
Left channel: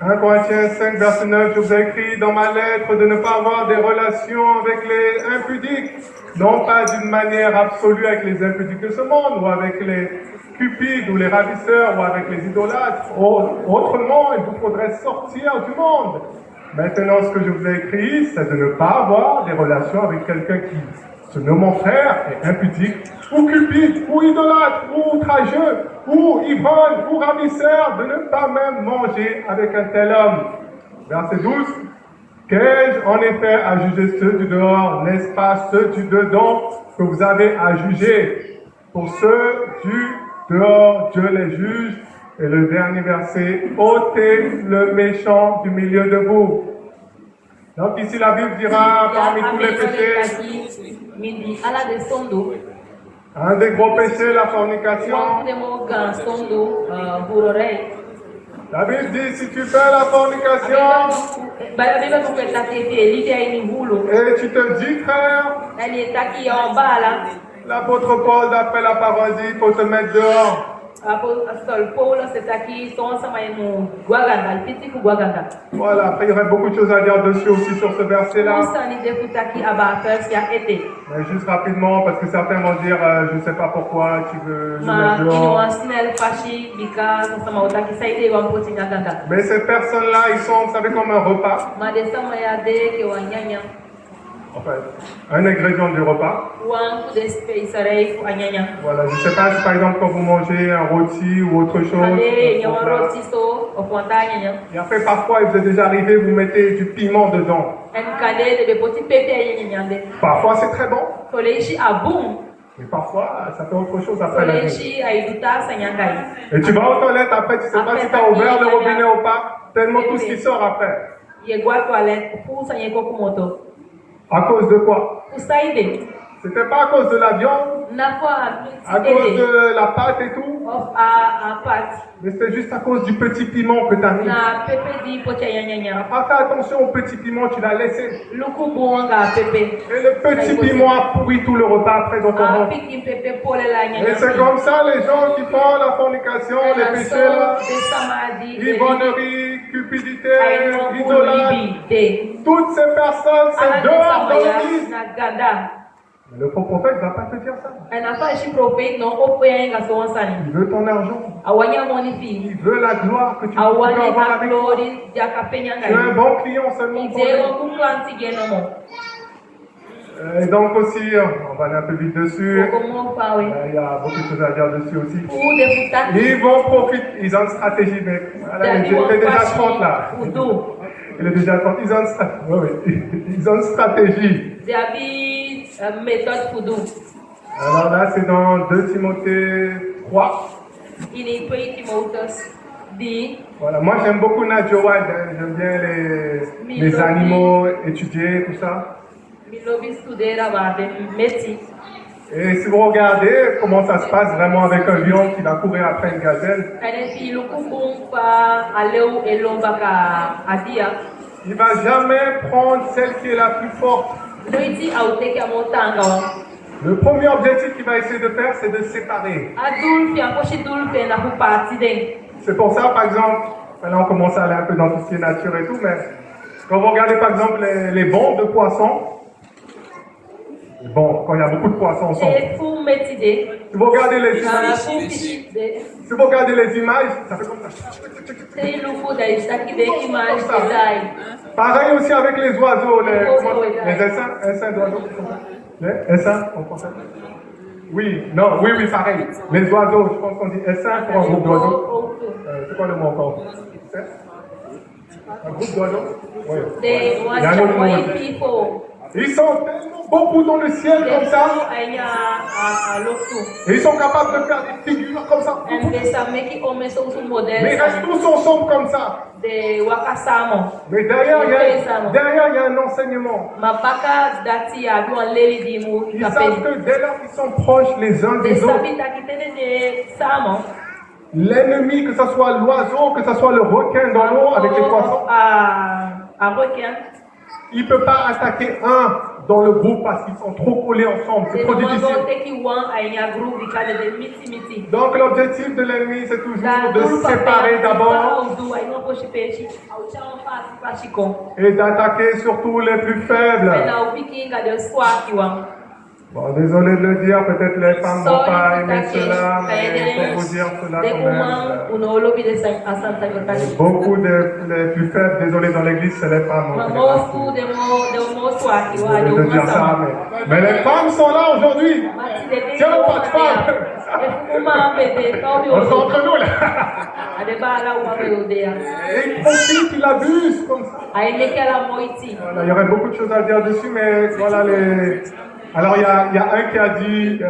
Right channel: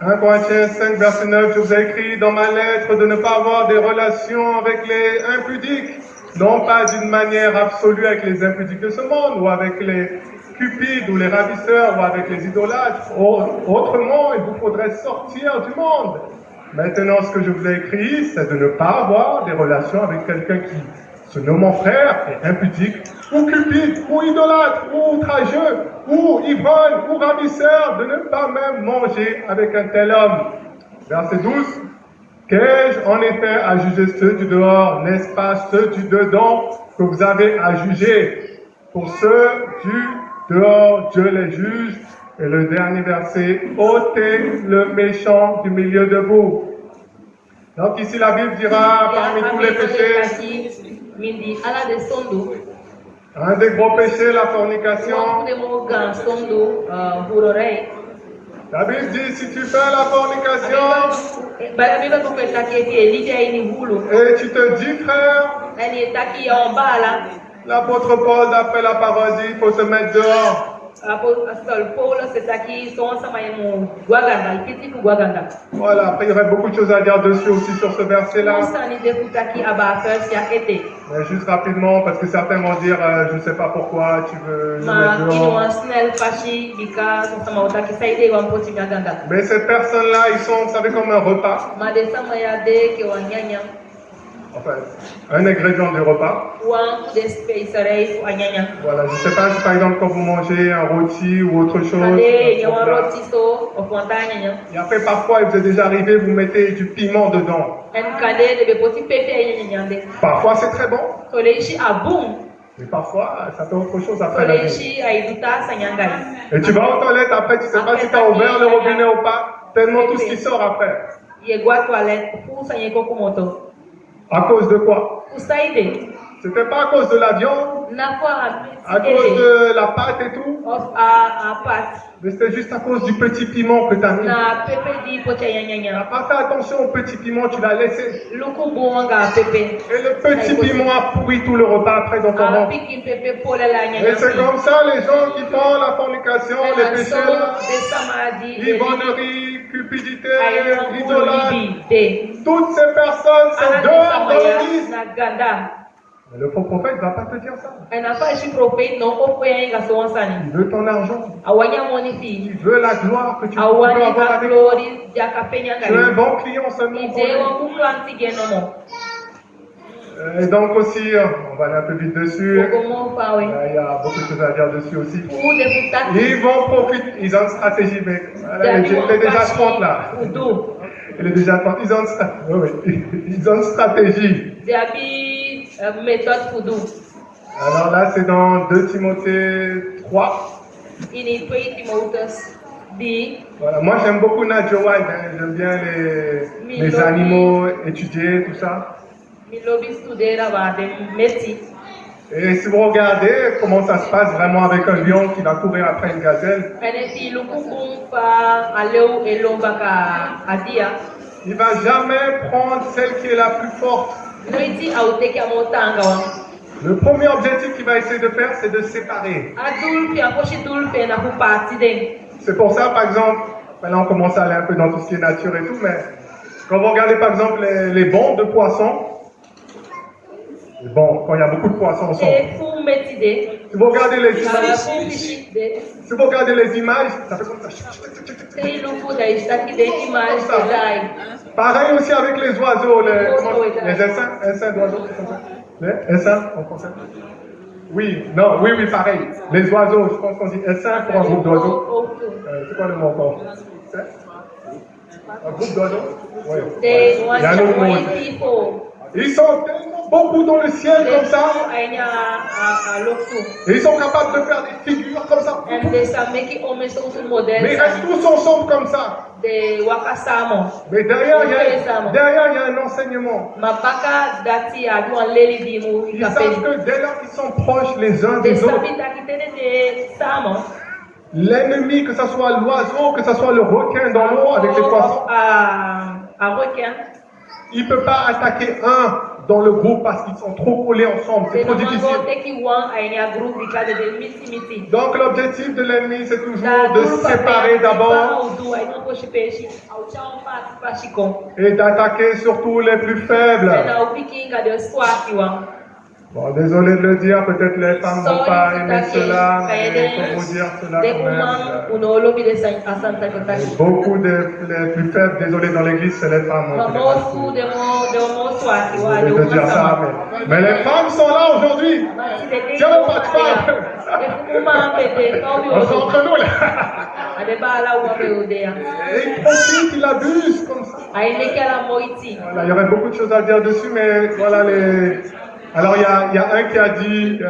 1 Corinthiens 5, verset 9, je vous ai écrit dans ma lettre de ne pas avoir des relations avec les impudiques, non pas d'une manière absolue avec les impudiques de ce monde, ou avec les cupides, ou les ravisseurs, ou avec les idolâtres. Autrement, il vous faudrait sortir du monde. Maintenant, ce que je vous ai écrit, c'est de ne pas avoir des relations avec quelqu'un qui se nomme mon frère, est impudique, ou cupide, ou idolâtre, ou outrageux, ou ivrogne, ou ravisseur, de ne pas même manger avec un tel homme. Verset 12. Qu'ai-je en effet à juger ceux du dehors, n'est-ce pas ceux du dedans que vous avez à juger? Pour ceux du dehors, Dieu les juge. Et le dernier verset, ôtez le méchant du milieu de vous. Donc ici la Bible dira, parmi tous les péchés, un des gros péchés, la fornication. La Bible dit, si tu fais la fornication, et tu te dis, frère, l'apôtre Paul, d'après la parole, dit, il faut se mettre dehors. Voilà, après il y aurait beaucoup de choses à dire dessus aussi sur ce verset-là. Mais juste rapidement, parce que certains vont dire, je ne sais pas pourquoi tu veux nous mettre dehors. Mais ces personnes-là, ils sont, vous savez, comme un repas. Enfin, un ingrédient du repas. Voilà, je ne sais pas si par exemple quand vous mangez un rôti ou autre chose. Et après parfois, il vous est déjà arrivé, vous mettez du piment dedans. Parfois c'est très bon. Mais parfois, ça fait autre chose après la vie. Et tu vas aux toilettes après, tu ne sais pas si tu as ouvert le robinet ou pas, tellement tout ce qui sort après. Yegua toilette pour ça yeko kumoto. À cause de quoi? Pour ça aider. C'était pas à cause de la viande, Na kwa à cause de la pâte et tout, of a pat. mais c'était juste à cause du petit piment que tu as mis. Na pepe di pocha Tu n'as yanyanya. pas fait attention au petit piment, tu l'as laissé. Luku buanga pepe. Et le petit piment a pourri tout le repas après dans ton A ventre. piki pepe pour la Et nyanya. c'est comme ça, les gens qui font la fornication, les péchés là, l'ivonnerie, cupidité, idolâtre, toutes ces personnes, c'est dehors dans l'église. Mais le faux prophète ne va pas te dire ça. Il veut ton argent. Il veut la gloire que tu peux avoir avec toi. Tu es un bon client seulement pour lui. Et donc aussi, on va aller un peu vite dessus. Il y a beaucoup de choses à dire dessus aussi. Ils vont profiter, ils ont une stratégie, mais voilà, il est déjà 30 là. Il est déjà 30, ils ont une stratégie. Alors là, c'est dans 2 Timothée 3. Voilà, moi j'aime beaucoup Nadia White, j'aime bien les animaux, étudier, tout ça. Et si vous regardez comment ça se passe vraiment avec un lion qui va courir après une gazelle, il ne va jamais prendre celle qui est la plus forte. Le premier objectif qu'il va essayer de faire, c'est de séparer. C'est pour ça, par exemple, là on commence à aller un peu dans tout ce qui est nature et tout, mais quand vous regardez par exemple les bancs de poissons, bon, quand il y a beaucoup de poissons ensemble, si vous regardez les images, ça fait comme ça. Pareil aussi avec les oiseaux, les essaims d'oiseaux. Les essaims en français? Oui, pareil. Les oiseaux, je pense qu'on dit essaim pour un groupe d'oiseaux. C'est quoi le mot encore? Un groupe d'oiseaux? Oui. Il y a un autre mot. Ils sont tellement beaucoup dans le ciel comme ça. Et ils sont capables de faire des figures comme ça. Mais ils restent tous ensemble comme ça. Mais derrière, il y a un enseignement. Ils savent que dès lors qu'ils sont proches les uns des autres, l'ennemi, que ce soit l'oiseau, que ce soit le requin dans l'eau avec les poissons, il ne peut pas attaquer un dans le groupe parce qu'ils sont trop collés ensemble, c'est trop difficile. Donc l'objectif de l'ennemi, c'est toujours de se séparer d'abord et d'attaquer surtout les plus faibles. Bon, désolé de le dire, peut-être les femmes ne vont pas aimer cela, mais il faut vous dire cela quand même. Beaucoup les plus faibles, désolé, dans l'église, c'est les femmes. Je vais te dire ça, mais les femmes sont là aujourd'hui. Tiens, pas de femmes. On est entre nous là. Et ils profitent, ils abusent comme ça. Voilà, il y aurait beaucoup de choses à dire dessus, mais voilà les... Alors il y a un qui a dit,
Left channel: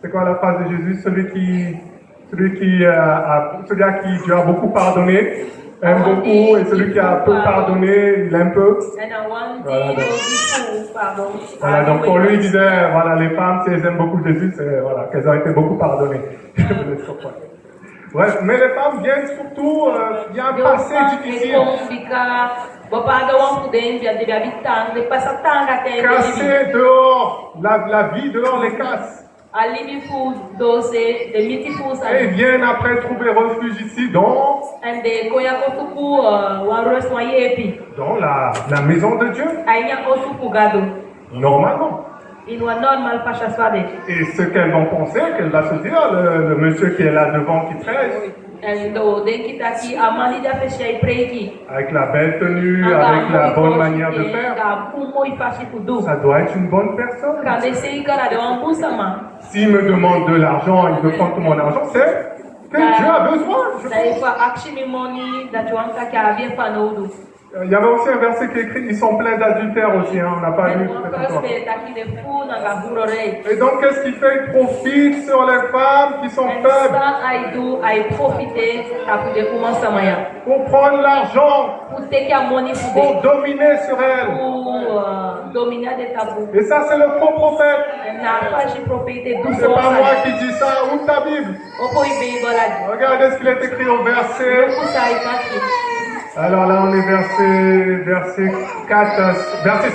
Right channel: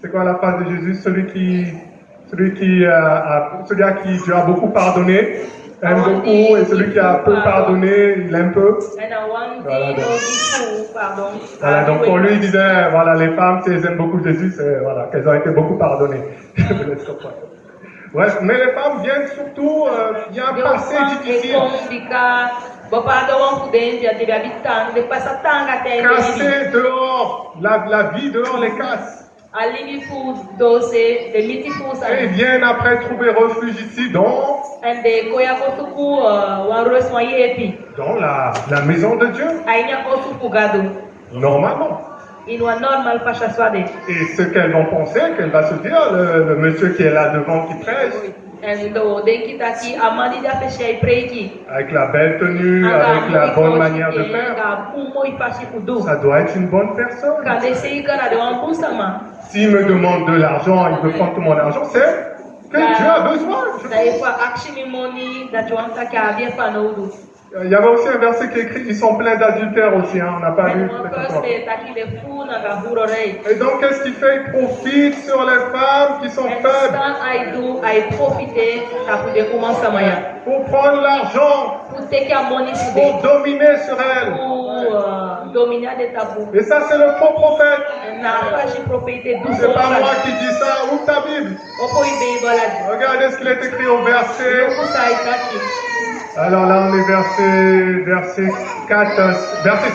c'est quoi la phrase de Jésus, celui à qui Dieu a beaucoup pardonné, aime beaucoup, et celui qui a peu pardonné, il aime peu. Voilà, donc pour lui il disait, voilà, les femmes, si elles aiment beaucoup Jésus, c'est voilà, qu'elles ont été beaucoup pardonnées. Ouais, mais les femmes viennent surtout, il y a un passé difficile. Casser dehors, la vie dehors les casse. Et ils viennent après trouver refuge ici dans la maison de Dieu. Normalement. Et ce qu'elles vont penser, qu'elle va se dire, le monsieur qui est là devant qui prêche, avec la belle tenue, avec la bonne manière de faire, ça doit être une bonne personne. S'il me demande de l'argent, il veut prendre tout mon argent, c'est que Dieu a besoin. Il y avait aussi un verset qui est écrit, ils sont pleins d'adultère aussi, hein, on n'a pas lu. Et donc, qu'est-ce qu'il fait? Il profite sur les femmes qui sont faibles. pour prendre l'argent, pour take a money pour today, dominer sur elle. pour dominer des tabous. Et ça, c'est le faux prophète. Na kwa je propriété douce C'est pas moi qui dis ça. Ouvre ta Bible. Oko ibe bola. Regardez ce qu'il est écrit au verset. Pour ça itaki. Alors là, on est verset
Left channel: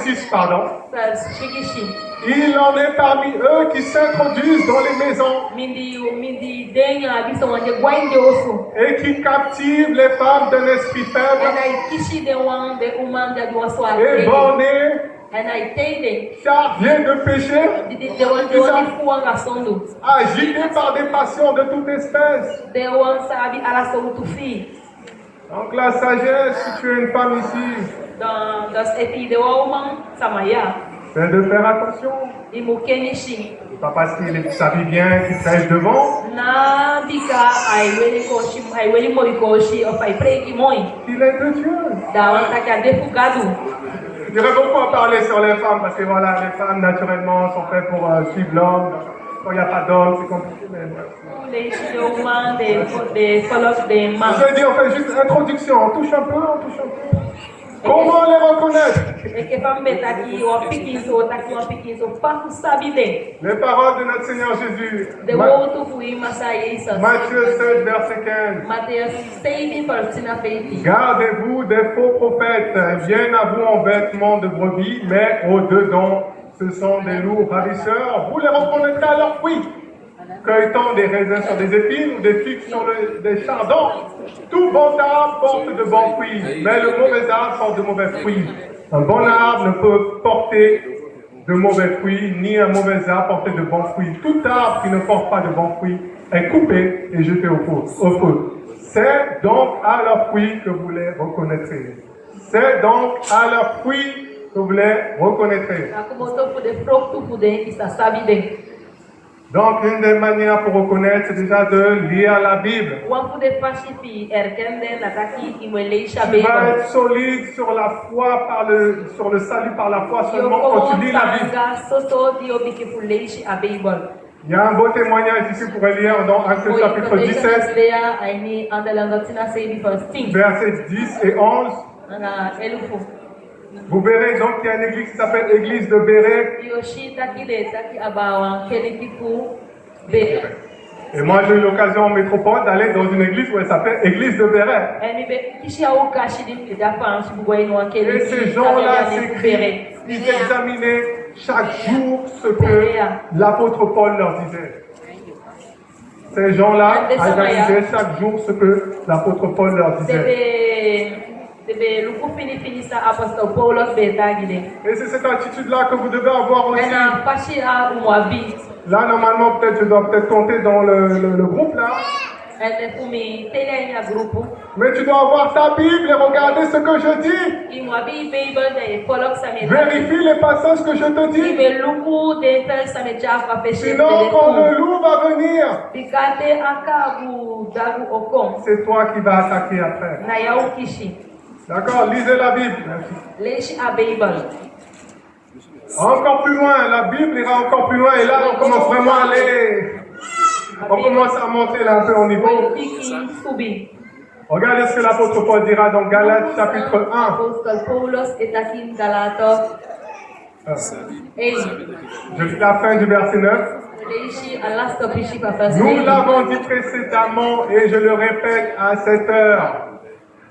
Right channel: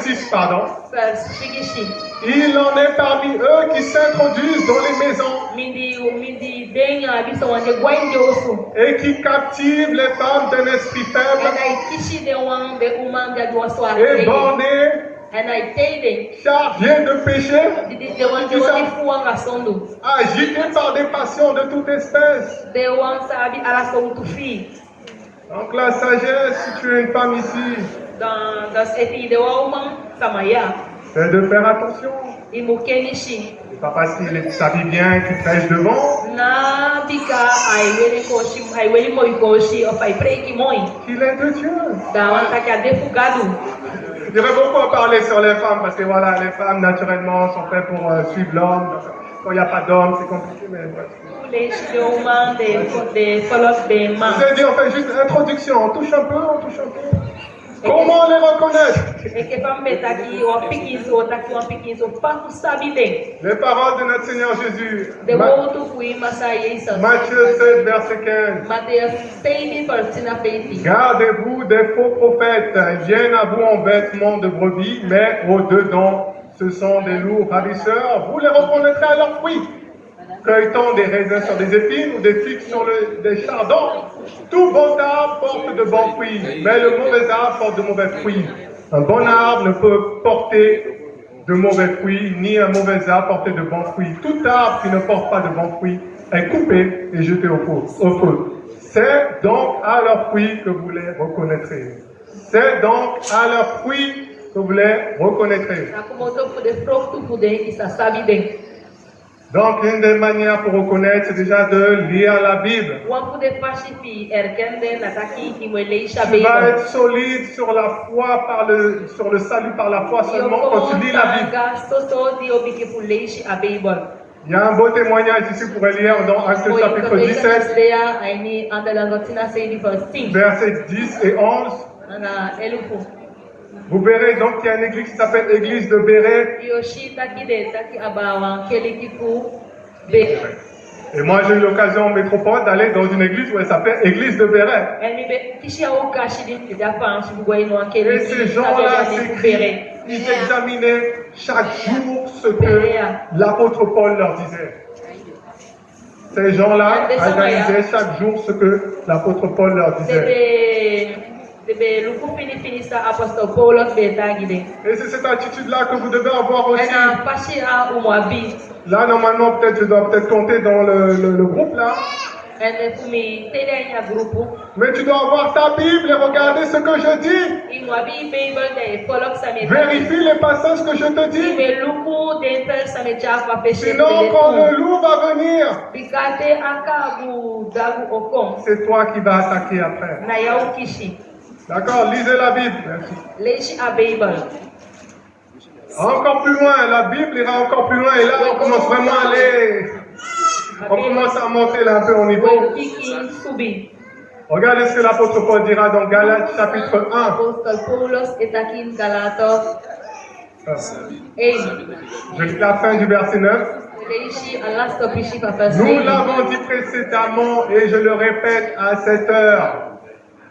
6, pardon. First shigishi. Il en est parmi eux qui s'introduisent dans les maisons Mindi denya biso wanje gwanje osu. et qui captivent les femmes d'un esprit faible Ena kishi de wan be umanda do so et ate. bornées, Ena iteide. chargés de péché, De wan fuanga sondu. agités par des passions de toute espèce. De wan sabi ala so tufi. Donc la sagesse, si tu es une femme ici, Dans das eti de woman samaya. c'est de faire attention. Imukenishi. C'est pas parce qu'il s'habille bien qu'il prêche devant Na dika ai weli moi koshi of ai preki moi. qu'il est de Dieu. Da wan taka defugado. Il y aurait beaucoup à parler sur les femmes parce que voilà, les femmes naturellement sont faites pour suivre l'homme. Quand il n'y a pas d'homme, c'est compliqué. Mais bref. Leshi de woman de follow de man. Je dis, on fait juste introduction, on touche un peu. Comment les reconnaître? E ke fam betaki o pikinso taki o pikinso pa ku sabide. Les paroles de notre Seigneur Jésus. De wotu fui masai Jesus. Matthieu 7, verset 15. Mateus 6 versina 20. Gardez-vous des faux prophètes. Ils viennent à vous en vêtements de brebis, mais au-dedans, ce sont des loups ravisseurs. Vous les reconnaîtrez à leurs fruits. Cueilletant des raisins sur des épines ou des figues sur des chardons. Tout bon arbre porte de bons fruits, mais le mauvais arbre porte de mauvais fruits. Un bon arbre ne peut porter de mauvais fruits, ni un mauvais arbre porter de bons fruits. Tout arbre qui ne porte pas de bons fruits est coupé et jeté au feu. C'est donc à leurs fruits que vous les reconnaîtrez. C'est donc à leurs fruits que vous les reconnaîtrez. Akumoto fu de fruktu fu de isa sabide. Donc, une des manières pour reconnaître, c'est déjà de lire la Bible. Wan fu de fashifi erkende nataki imweleisha Tu vas beibo. être solide sur la foi, sur le salut par la foi seulement quand tu lis la Bible. Soso di obike fu leishi a beibo. Il y a un beau témoignage ici pour lire dans Actes chapitre 17, Aini andalangotina seidi first thing. versets 10 et 11. Nana elufu. Vous verrez donc qu'il y a une église qui s'appelle l'église de Béret. Yoshi taki de taki abawan kelikifu be. Et moi, j'ai eu l'occasion en métropole d'aller dans une église où elle s'appelle église de Béret. Elmi be kishi au kashi di dafa shi bugoy no Et keliki. ces gens-là, ils examinaient chaque jour ce que l'apôtre Paul leur disait. Ces gens-là analysaient chaque jour ce que l'apôtre Paul leur disait. Debe luku fini sa apostol Paulos be tagide. Et c'est cette attitude-là que vous devez avoir aussi. Ena pashi a umwabi. Là, normalement, peut-être, je dois peut-être compter dans le groupe là. Ene fumi telenya grupu. Mais tu dois avoir ta Bible et regarder ce que je dis. Imwabi Bible de Paulos sameta. Vérifie les passages que je te dis. Ibe luku de pel sameta kwa peshe. Sinon, quand le loup va venir, Bikate akabu dagu okon. c'est toi qui vas attaquer après. Na yau kishi. D'accord? Lisez la Bible. Leishi a Bible. Encore plus loin, la Bible ira encore plus loin. Et là, on commence vraiment à aller. On commence à monter là un peu au niveau. Piki subi. Regardez ce que l'apôtre Paul dira dans Galates chapitre 1. Apostol Paulos etakin Galato. Ei. Je lis la fin du verset 9. Leishi alasto pishi papas. Nous l'avons dit précédemment et je le répète à cette heure.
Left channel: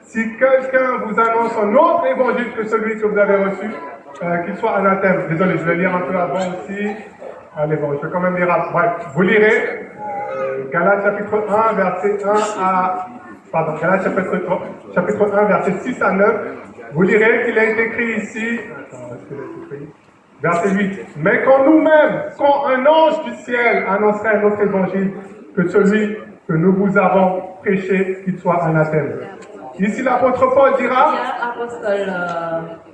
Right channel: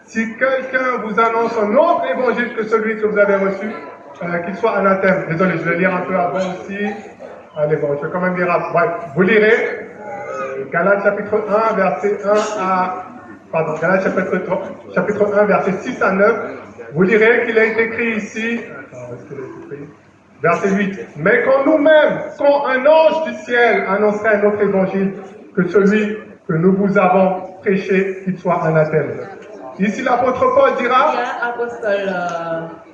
Si quelqu'un vous annonce un autre évangile que celui que vous avez reçu, qu'il soit anathème. Désolé, je vais lire un peu avant aussi. Allez, bon, je vais quand même lire. Bref, vous lirez Galates chapitre 1, verset 1 à... Pardon, Galates chapitre 1, verset 6 à 9. Vous lirez qu'il est écrit ici... Attends, est-ce qu'il est écrit? Verset 8. Mais quand nous-mêmes, quand un ange du ciel annoncerait un autre évangile que celui que nous vous avons prêché, qu'il soit anathème. Ici, l'apôtre Paul dira,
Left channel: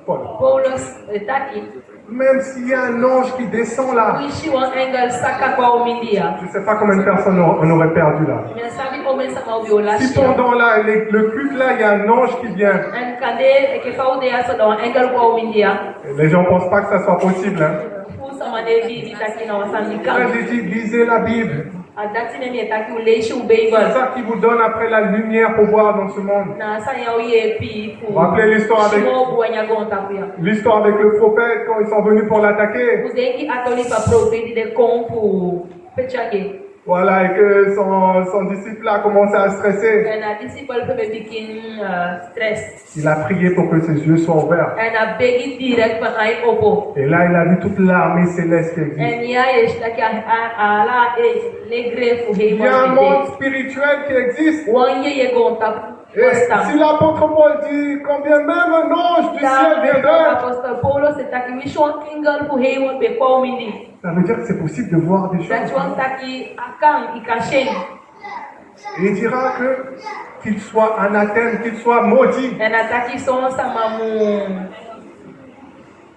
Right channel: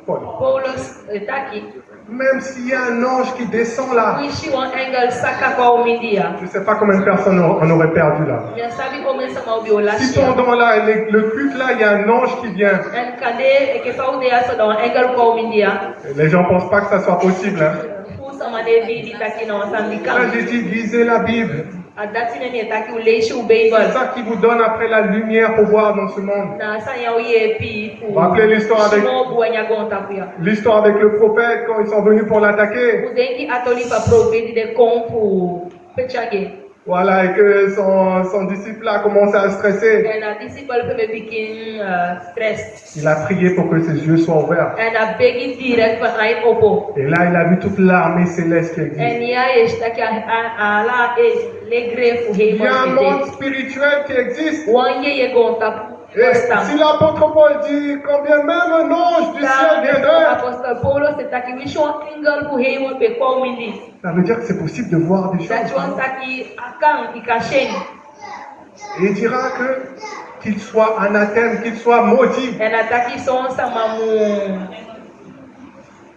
Paulos etaki. même s'il y a un ange qui descend là, Wishi wan engel saka kwa umindia. je ne sais pas combien de personnes on aurait perdu là. Mina sabi omen sama ubi olashi. Si pendant là, le culte là, il y a un ange qui vient, En kade eke paude aso don engel kwa umindia. les gens ne pensent pas que ça soit possible. Hein. Fu sama de di taki na wasandika. Là, j'ai dit, lisez la Bible. adati memi etaki uleishi ubei C'est gol. ça qui vous donne après la lumière pour voir dans ce monde. Na sanya uye pi Vous vous rappelez l'histoire avec, shimo buanya gonta kuya. l'histoire avec le prophète quand ils sont venus pour l'attaquer? Uzengi atoli pa profeti de kompu pechage. Voilà, et que son disciple a commencé à stresser. Na disciple pe bikin stress. Il a prié pour que ses yeux soient ouverts. Na begi direct pa ai opo. Et là, il a vu toute l'armée céleste qui existe. Nia eshtaki ala le grefu Il y a un hemo. monde spirituel qui existe. Wanye ye gonta. Et si l'apôtre Paul dit combien même un ange du ciel viendrait, Apostol Paulo setaki mission kingal ku hemo pe kwa umindi. ça veut dire que c'est possible de voir des choses. Taki akang ikasheni. Et il dira que qu'il soit anathème, qu'il soit maudit. Nataki son sama mu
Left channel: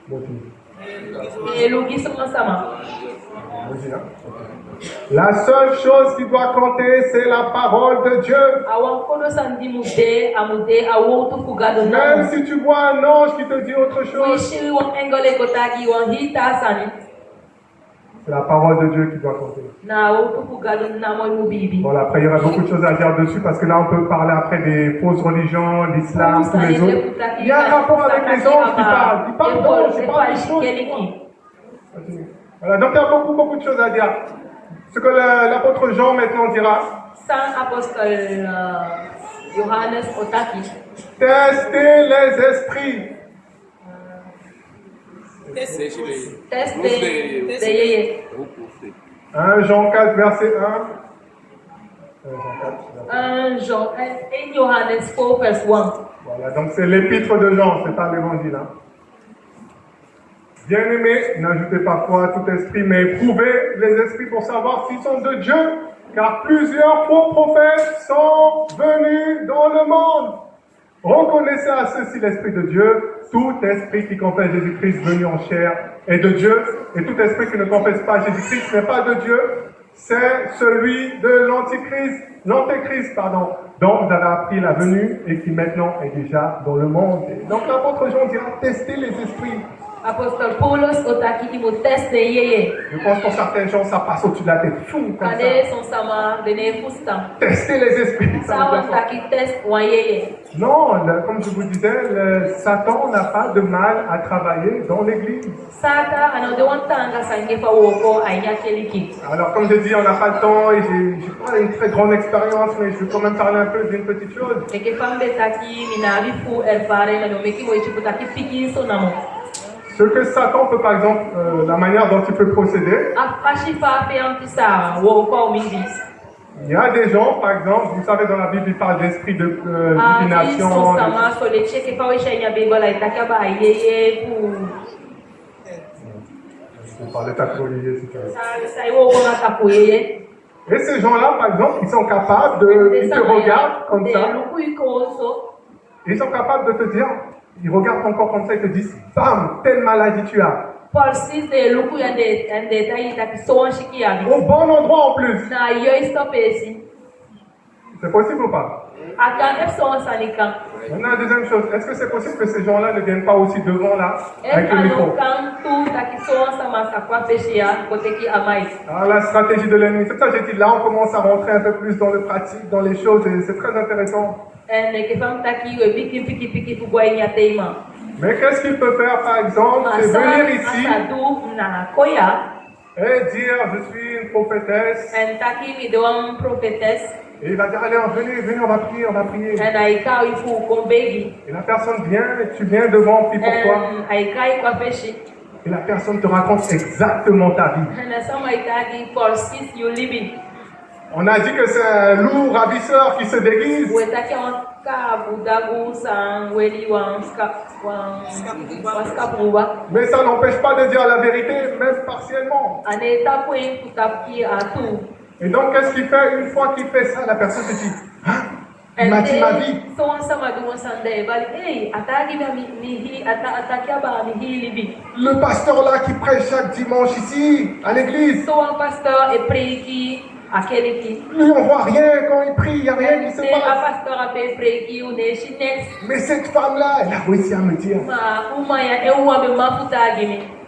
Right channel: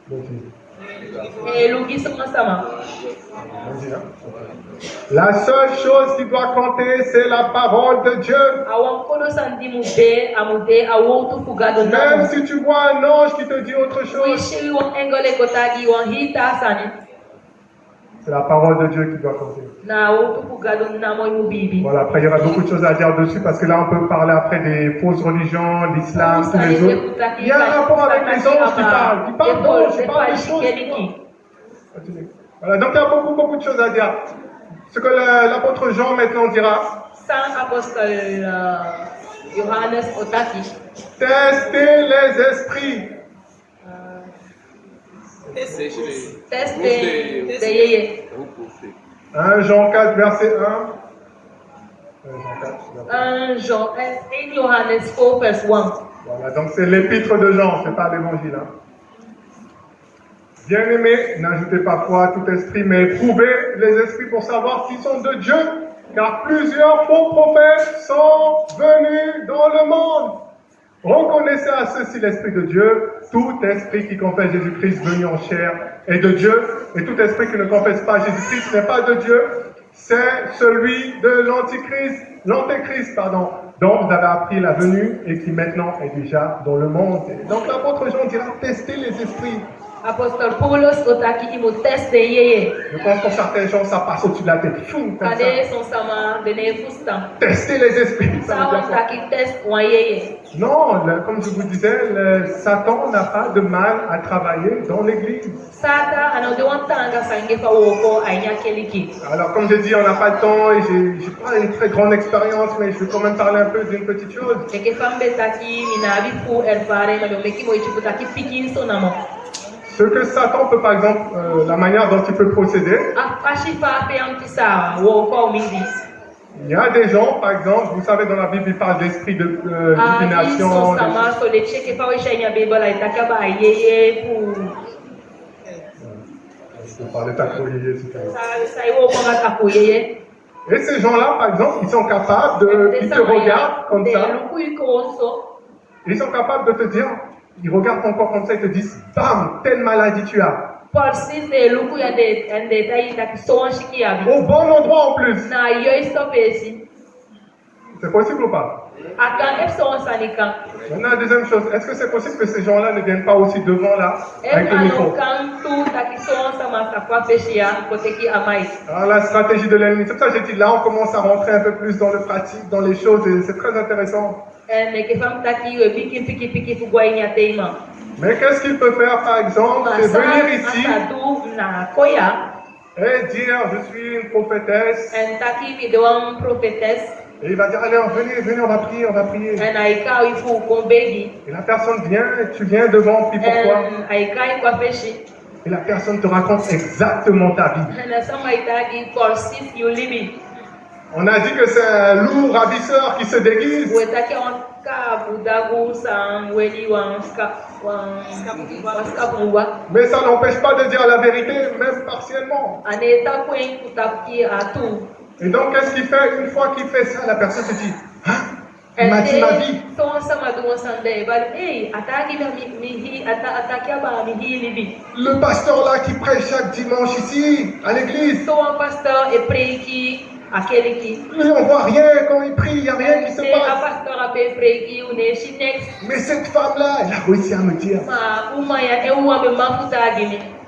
Maudit. lugi son sama. Maudit, hein? La seule chose qui doit compter, c'est la parole de Dieu. Awan kono sandi amude awotu kugado Même na. si tu vois un ange qui te dit autre chose, Wishi wan engole kotagi wan hita sani. c'est la parole de Dieu qui doit compter. Na awotu kugado na mo mubibi. Voilà, après il y aura beaucoup de choses à dire dessus parce que là on peut parler après des fausses religions, l'islam, tous les autres. Il y a un rapport avec les anges qui parlent d'anges, qui parlent des choses. Continue. Voilà, donc il y a beaucoup de choses à dire. Ce que l'apôtre Jean maintenant dira, San apostol Johannes Otaki. testez les esprits. Test de yeye. 1 Jean 4, verset 1. 1 Johannes 4 verse 1. Voilà, donc c'est l'épître de Jean, c'est pas l'évangile. Hein. Bien-aimés, n'ajoutez pas foi à tout esprit, mais éprouvez les esprits pour savoir s'ils sont de Dieu, car plusieurs faux prophètes sont venus dans le monde. Reconnaissez à ceux-ci l'Esprit de Dieu. Tout esprit qui confesse Jésus-Christ venu en chair est de Dieu, et tout esprit qui ne confesse pas Jésus-Christ n'est pas de Dieu. C'est celui de l'Antéchrist, dont vous avez appris la venue et qui maintenant est déjà dans le monde. Et donc l'apôtre Jean dira, testez les esprits. Apostol Paulos Otaki imo test de yeye. Je pense pour certains gens, ça passe au-dessus de la tête. Fou, comme ça. Kade son sama de ne fustan. Tester les esprits. Ça veut Sa dire quoi? Otaki test wan yeye. Non, comme je vous disais, Satan n'a pas de mal à travailler dans l'église. Sata ano de wan tanga sange fa woko ainya keliki. Alors, comme je dis, on n'a pas le temps et j'ai pas une très grande expérience, mais je vais quand même parler un peu d'une petite chose. Eke fambe taki minabi fu erfare na meki mo ichukutaki pikin so namo. Ce que Satan peut, par exemple, la manière dont il peut procéder, Afashi fa pe antisa woko umindi. il y a des gens, par exemple, vous savez, dans la Bible, il parle d'esprit de divination. Son sama so le cheke fa wesha nya bebola itakaba yeye pu. Je peux parler tacoyer, si tu veux. Sa woko na taku yeye. Et ces gens-là, par exemple, ils sont capables ils te regardent comme ça, ils sont capables de te dire, ils regardent ton corps comme ça, ils te disent, bam, telle maladie tu as. Au bon endroit en plus. C'est possible ou pas? On a la deuxième chose, est-ce que c'est possible que ces gens-là ne viennent pas aussi devant là, avec le micro? Alors la stratégie de l'ennemi, c'est ça que j'ai dit, là on commence à rentrer un peu plus dans le pratique, dans les choses, et c'est très intéressant. Mais qu'est-ce qu'il peut faire par exemple? C'est venir ici et dire, je suis une prophétesse. Et il va dire, allez, venez, on va prier. Et la personne vient, et tu viens devant, puis pourquoi? Et la personne te raconte exactement ta vie. On a dit que c'est un loup ravisseur qui se déguise. Mais ça n'empêche pas de dire la vérité, même partiellement. Et donc, qu'est-ce qu'il fait? Une fois qu'il fait ça, la personne se dit, ah, il m'a dit ma vie. Le pasteur là qui prêche chaque dimanche ici, à l'église. Nous, on voit rien quand il prie, il n'y a rien qui se passe. Mais cette femme-là, elle a réussi à me dire.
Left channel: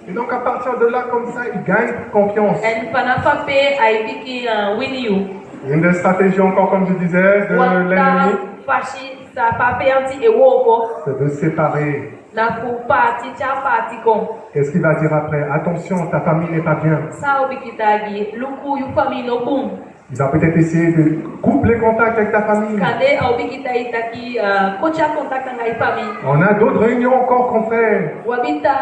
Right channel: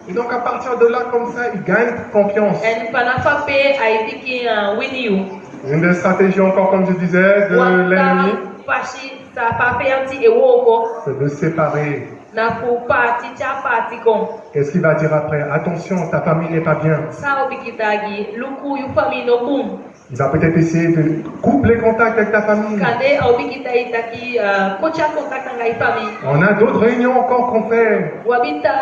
Et donc à partir de là, comme ça, il gagne confiance. And panafape aipiki winiu. Une des stratégies encore, comme je disais, de l'ennemi, Fashi sa pape anti ewoko. c'est de séparer. Na fu parti cha parti kon. Qu'est-ce qu'il va dire après? Attention, ta famille n'est pas bien. Sa obikitagi luku yu famille no boom. Il va peut-être essayer de couper les contacts avec ta famille. Kade obikita itaki kocha contact ngai famille. On a d'autres réunions encore qu'on fait. Wabita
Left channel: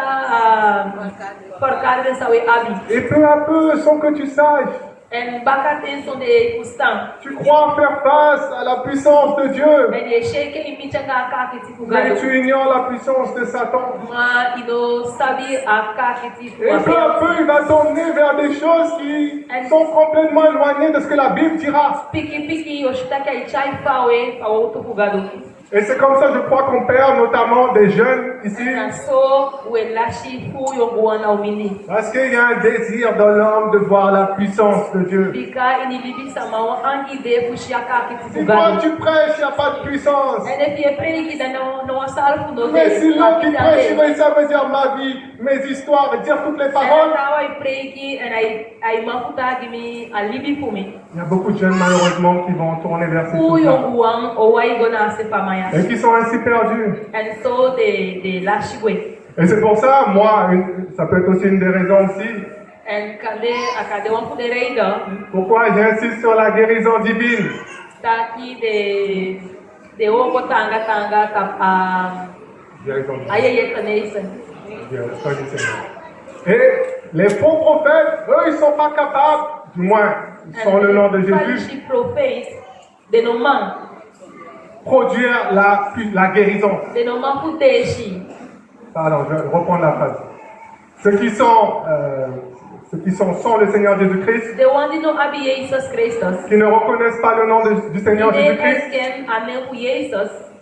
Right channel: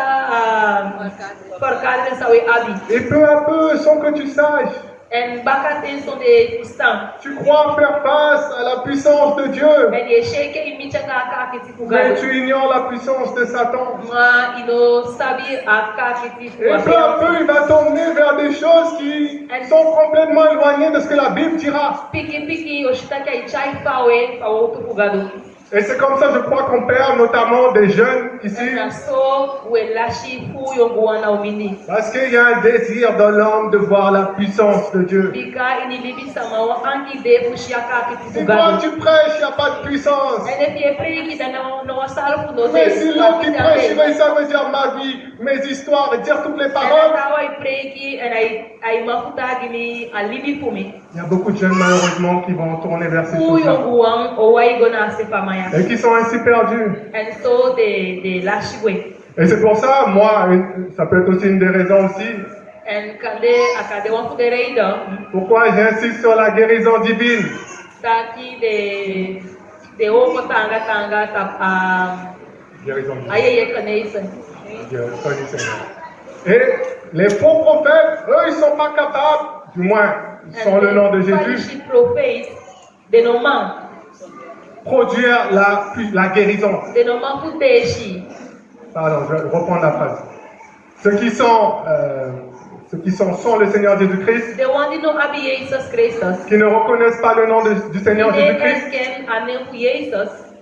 porcade de sawe abi. Et peu à peu, sans que tu saches, En bakate sont des coustants. tu crois faire face à la puissance de Dieu. Mais les sheke imichanga kakiti Mais fugado. tu ignores la puissance de Satan. Ma ino sabi akakiti Et peu à peu, il va t'emmener vers des choses qui sont complètement éloignées de ce que la Bible dira. Piki piki oshitaka ichai fawe fawoto fugado. Et c'est comme ça, je crois, qu'on perd notamment des jeunes ici. Na so we lashi fu yonguana umini. Parce qu'il y a un désir dans l'homme de voir la puissance de Dieu. Bika ini libi sama wa angi de fushi akakiti Si toi fugado. tu prêches, il n'y a pas de puissance. Ene pie preki da no sal fu no. Mais si l'homme qui prêche, mais ça veut dire ma vie, mes histoires, et dire toutes les paroles. Il y a beaucoup de jeunes malheureusement qui vont tourner vers ces choses-là. Et qui sont ainsi perdus. Et c'est pour ça, moi, ça peut être aussi une des raisons aussi, pourquoi j'insiste sur la guérison divine. Guérison divine. Et les faux prophètes, eux, ils ne sont pas capables, du moins, sans le nom de Jésus, produire la guérison. Pardon, je vais reprendre la phrase. Ceux qui sont sans le Seigneur Jésus-Christ, qui ne reconnaissent pas le nom du Seigneur Jésus-Christ,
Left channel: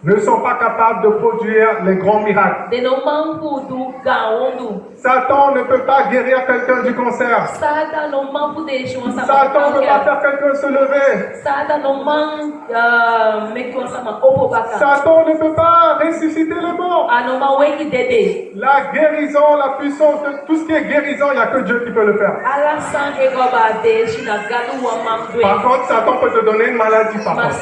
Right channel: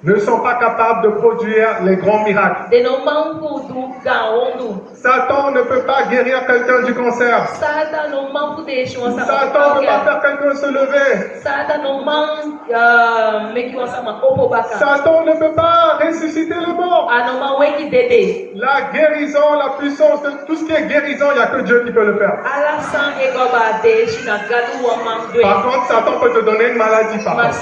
ne sont pas capables de produire les grands miracles. Satan ne peut pas guérir quelqu'un du cancer. Satan ne peut pas faire quelqu'un se lever. Satan ne peut pas ressusciter le mort. La guérison, la puissance, de tout ce qui est guérison, il n'y a que Dieu qui peut le faire. Par contre, Satan peut te donner une maladie. Par contre.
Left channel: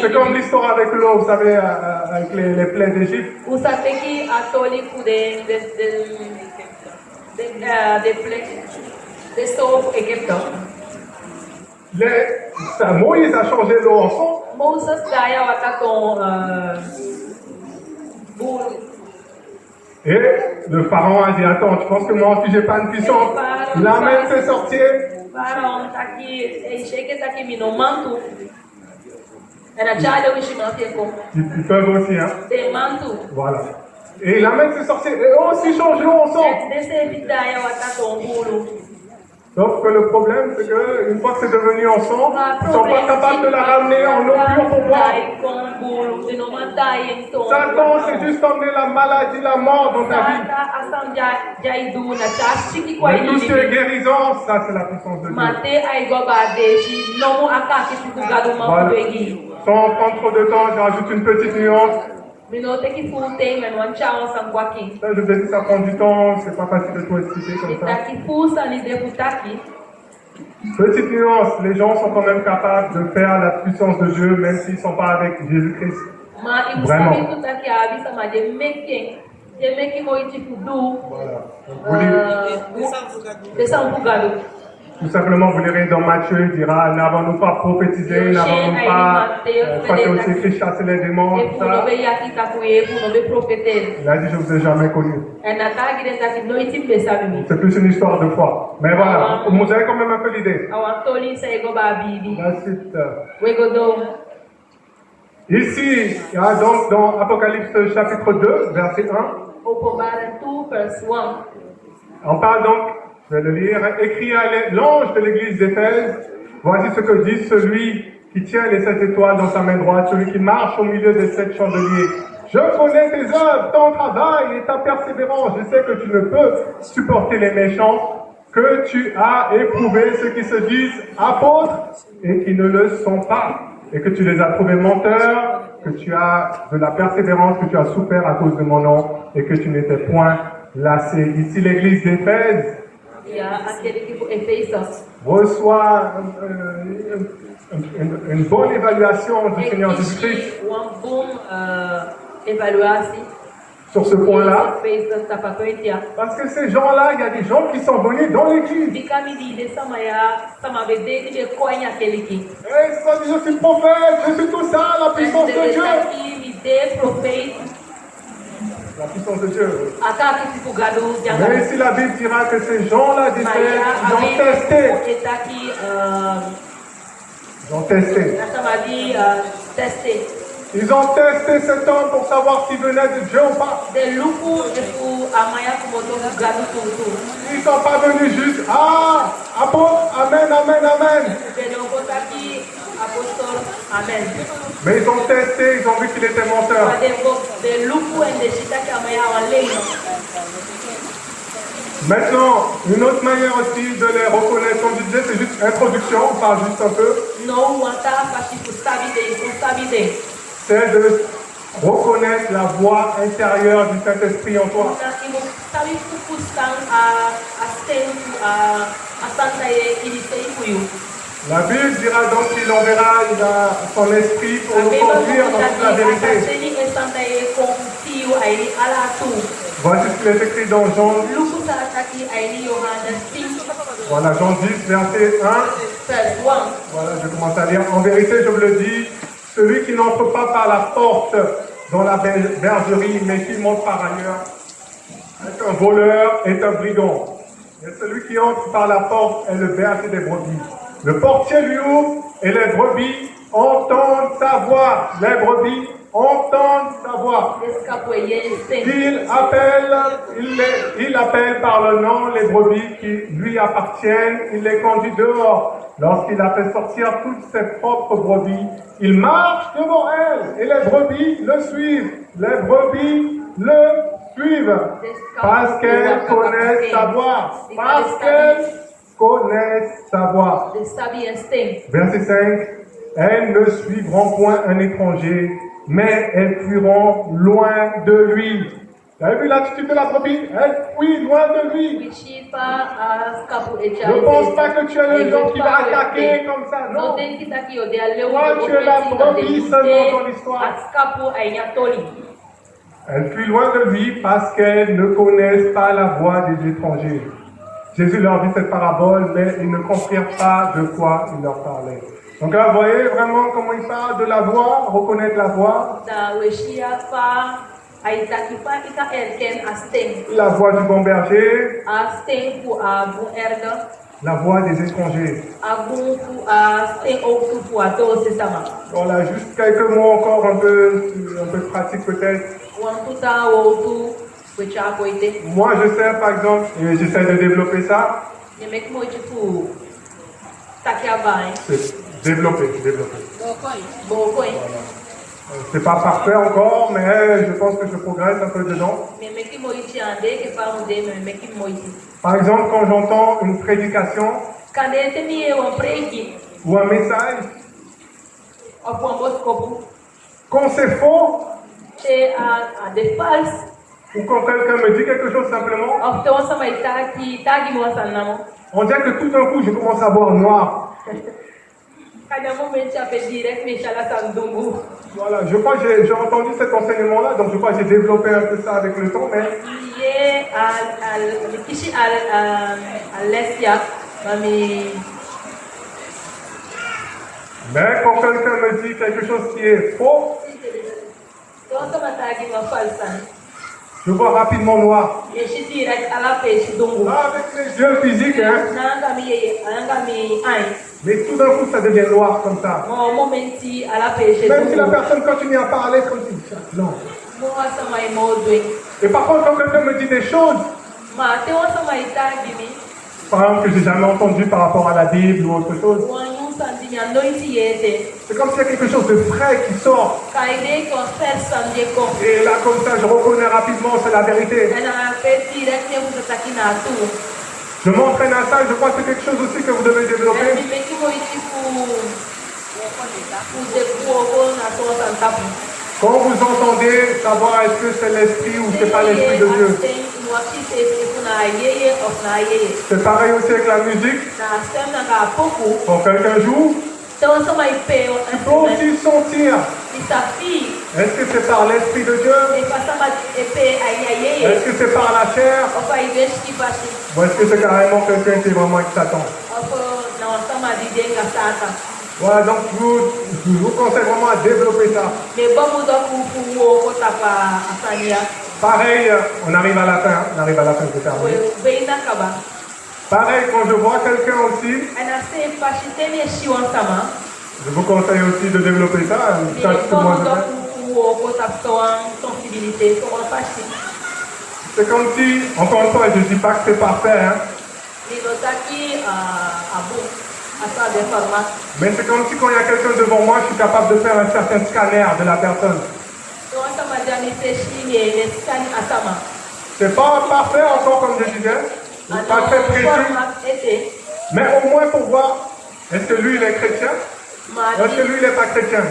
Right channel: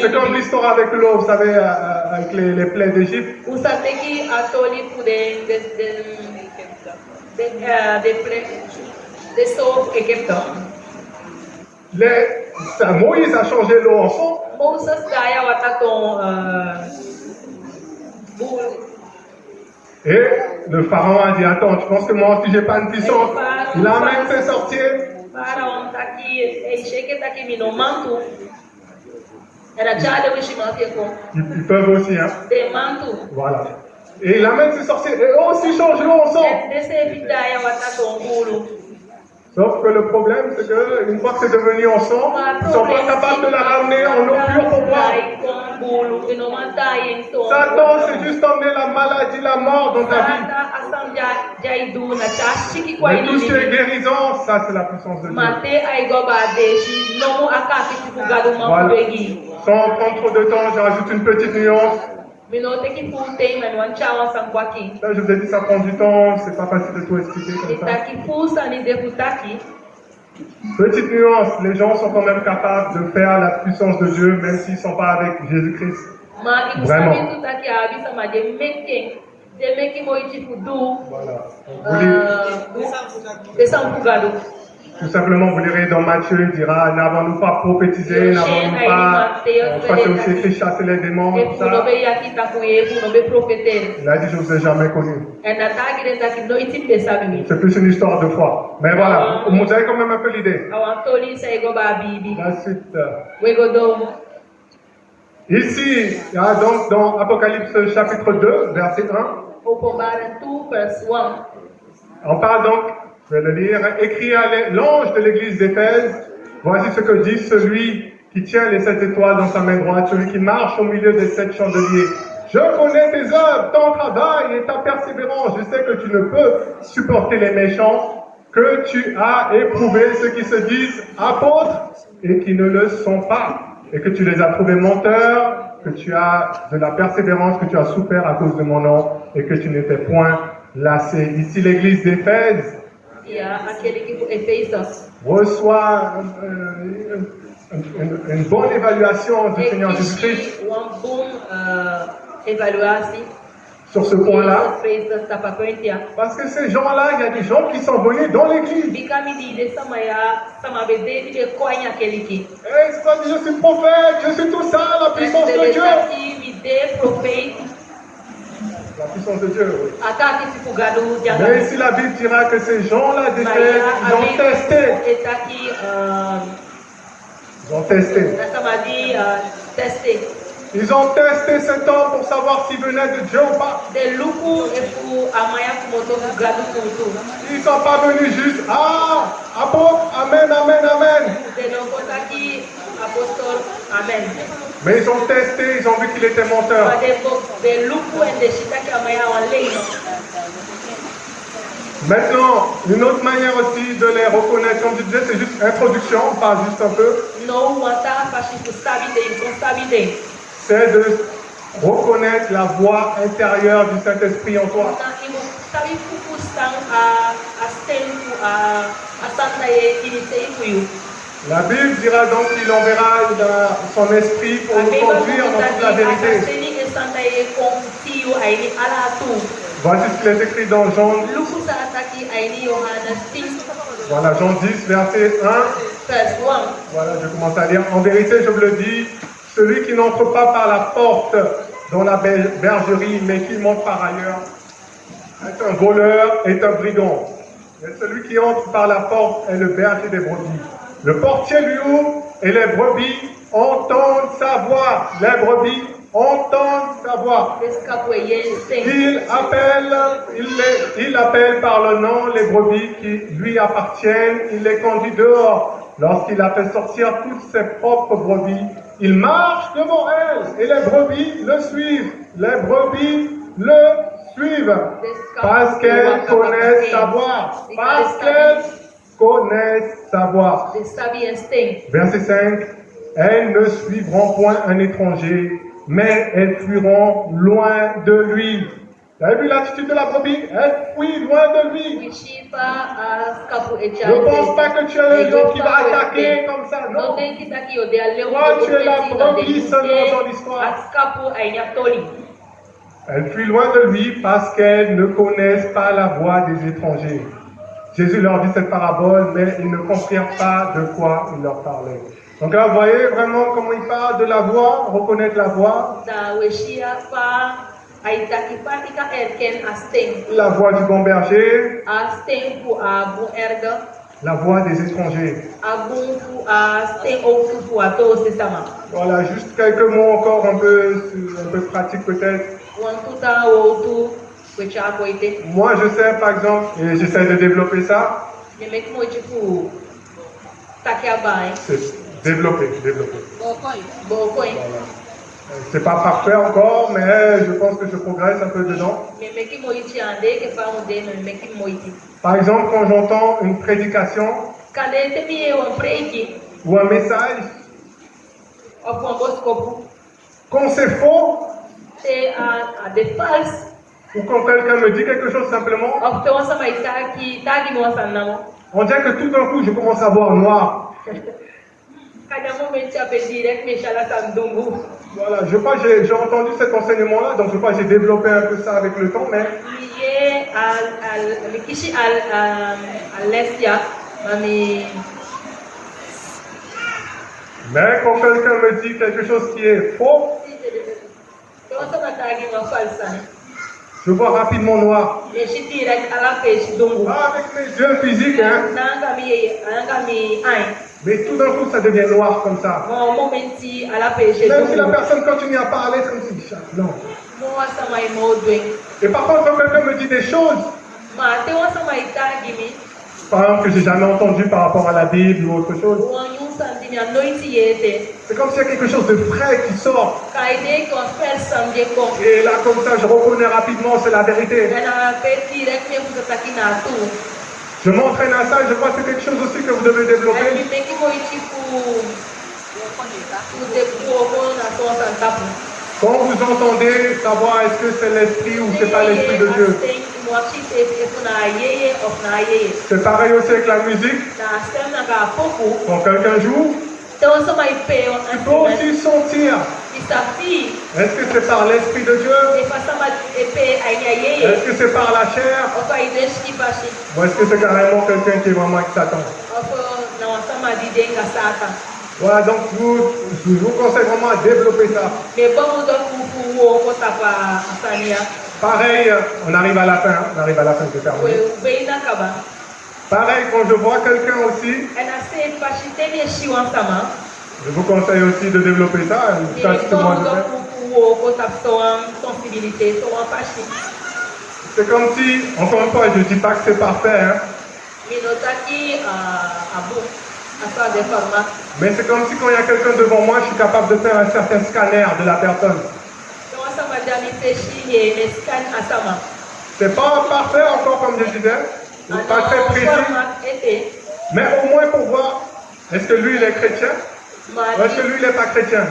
C'est comme l'histoire avec l'eau, vous savez, avec les plaies d'Égypte. Moïse a changé l'eau en sang. Et le pharaon a dit, attends, tu penses que moi aussi j'ai pas une puissance? La même fait sortir. Ils peuvent aussi, hein. Voilà. Et la même fait sortir. Et aussi change l'eau en sang. Sauf que le problème, c'est qu'une fois que c'est devenu en sang, ils ne sont pas capables de la ramener en eau pure pour boire. Satan, c'est juste emmener la maladie, la mort dans ta vie. Mais tout ce qui est guérison, ça c'est la puissance de Dieu. Voilà. Sans prendre trop de temps, j'ajoute une petite nuance. Ça, je vous ai dit, ça prend du temps, c'est pas facile de tout expliquer comme ça. Petite nuance, les gens sont quand même capables de faire la puissance de Dieu, même s'ils ne sont pas avec Jésus-Christ. Vraiment. Voilà. Tout simplement, vous lirez dans Matthieu, il dira, n'avons-nous pas prophétisé, n'avons-nous pas, c'est aussi écrit, chasser les démons, tout ça. Il a dit, je ne vous ai jamais connu. C'est plus une histoire de foi. Mais voilà, vous avez quand même un peu l'idée. La suite. Ici, il y a donc dans Apocalypse chapitre 2, verset 1. On parle donc, je vais le lire, écrit à l'ange de l'église d'Éphèse, voici ce que dit celui qui tient les 7 étoiles dans sa main droite, celui qui marche au milieu des 7 chandeliers. Je connais tes œuvres, ton travail et ta persévérance. Je sais que tu ne peux supporter les méchants, que tu as éprouvé ceux qui se disent apôtres et qui ne le sont pas, et que tu les as trouvés menteurs, que tu as de la persévérance, que tu as souffert à cause de mon nom, et que tu n'étais point Là, c'est ici l'église d'Éphèse E aquele que foi Efésios. reçoit une bonne évaluation du Seigneur Jésus-Christ Existe uma boa avaliação. sur ce point-là. Fez da pacoentia. Parce que ces gens-là, il y a des gens qui sont venus dans l'église. Fica me diz sama bebê de coinha aquele que. Et ils se sont dit, je suis prophète, je suis tout ça, la puissance de Dieu. Aqui me dê profeta. La puissance de Dieu. Ataque tipo gado de Mais ici, la Bible dira que ces gens-là d'Éphèse, ils ont testé. Está aqui Ils ont testé. testé. Ils ont testé cet homme pour savoir s'il venait de Dieu ou pas. De lucro e por amanhã como tô gado tudo. Ils ne sont pas venus juste, ah, apôtre, amen, amen, amen. De não contar aqui apóstolo, amen. Mais ils ont testé, ils ont vu qu'il était menteur. De lucro e de chita que amanhã a lei. Maintenant, une autre manière aussi de les reconnaître, comme je disais, c'est juste introduction, on parle juste un peu. Não aguentar para que sabe C'est de reconnaître la voix intérieure du Saint-Esprit en toi. La Bible dira donc qu'il enverra son esprit pour nous conduire dans toute la vérité. Voici ce qu'il est écrit dans Jean. Voilà, Jean 10, verset 1. Voilà, je commence à lire. En vérité, je vous le dis, celui qui n'entre pas par la porte dans la bergerie, mais qui monte par ailleurs, est un voleur, est un brigand. Mais celui qui entre par la porte est le berger des brebis. Le portier lui ouvre et les brebis entendent sa voix. Les brebis entendent sa voix. Il appelle par le nom les brebis qui lui appartiennent. Il les conduit dehors. Lorsqu'il a fait sortir toutes ses propres brebis, il marche devant elles et les brebis le suivent. Les brebis le suivent parce qu'elles connaissent sa voix. Parce qu'elles connaissent sa voix. Verset 5. Elles ne suivront point un étranger, mais elles fuiront loin de lui. Vous avez vu l'attitude de la brebis? Elle fuit loin de lui. Ne pense pas que tu es le gens qui va attaquer comme ça. Non. Toi, tu es la brebis seulement dans l'histoire. Elle fuit loin de lui parce qu'elles ne connaissent pas la voix des étrangers. Jésus leur dit cette parabole, mais ils ne comprirent pas de quoi il leur parlait. Donc là, vous voyez vraiment comment il parle de la voix, reconnaître la voix. La voix du bon berger. La voix des étrangers. Voilà, juste quelques mots encore un peu pratiques peut-être. Moi, je sais par exemple, et j'essaie de développer ça. C'est développer. Voilà. C'est pas parfait encore, mais je pense que je progresse un peu dedans. Par exemple, quand j'entends une prédication ou un message, quand c'est faux, ou quand quelqu'un me dit quelque chose simplement, on dirait que tout d'un coup, je commence à voir noir. Voilà, je crois que j'ai entendu cet enseignement-là, donc je crois que j'ai développé un peu ça avec le temps, mais quand quelqu'un me dit quelque chose qui est faux, je vois rapidement noir. Avec mes yeux physiques, hein. Mais tout d'un coup, ça devient noir comme ça. Même si la personne continue à parler comme ça. Non. Et par contre, quand quelqu'un me dit des choses, par exemple, que j'ai jamais entendu par rapport à la Bible ou autre chose, c'est comme s'il y a quelque chose de frais qui sort. Et là, comme ça, je reconnais rapidement, c'est la vérité. Je m'entraîne à ça et je crois que c'est quelque chose aussi que vous devez développer. Quand vous entendez savoir est-ce que c'est l'esprit ou c'est pas l'esprit de Dieu. C'est pareil aussi avec la musique. Quand quelqu'un joue, tu peux aussi sentir. Est-ce que c'est par l'Esprit de Dieu? Est-ce que c'est par la chair? Ou est-ce que c'est carrément quelqu'un qui est vraiment avec Satan? Voilà, donc je vous conseille vraiment à développer ça. Pareil, on arrive à la fin de terminer. Pareil, quand je vois quelqu'un aussi, je vous conseille aussi de développer ça. C'est comme si, encore une fois, je ne dis pas que c'est parfait, hein. Mais c'est comme si quand il y a quelqu'un devant moi, je suis capable de faire un certain scanner de la personne. C'est pas parfait encore comme je disais, pas très précis, mais au moins pour voir, est-ce que lui il est chrétien ou est-ce que lui il n'est pas chrétien.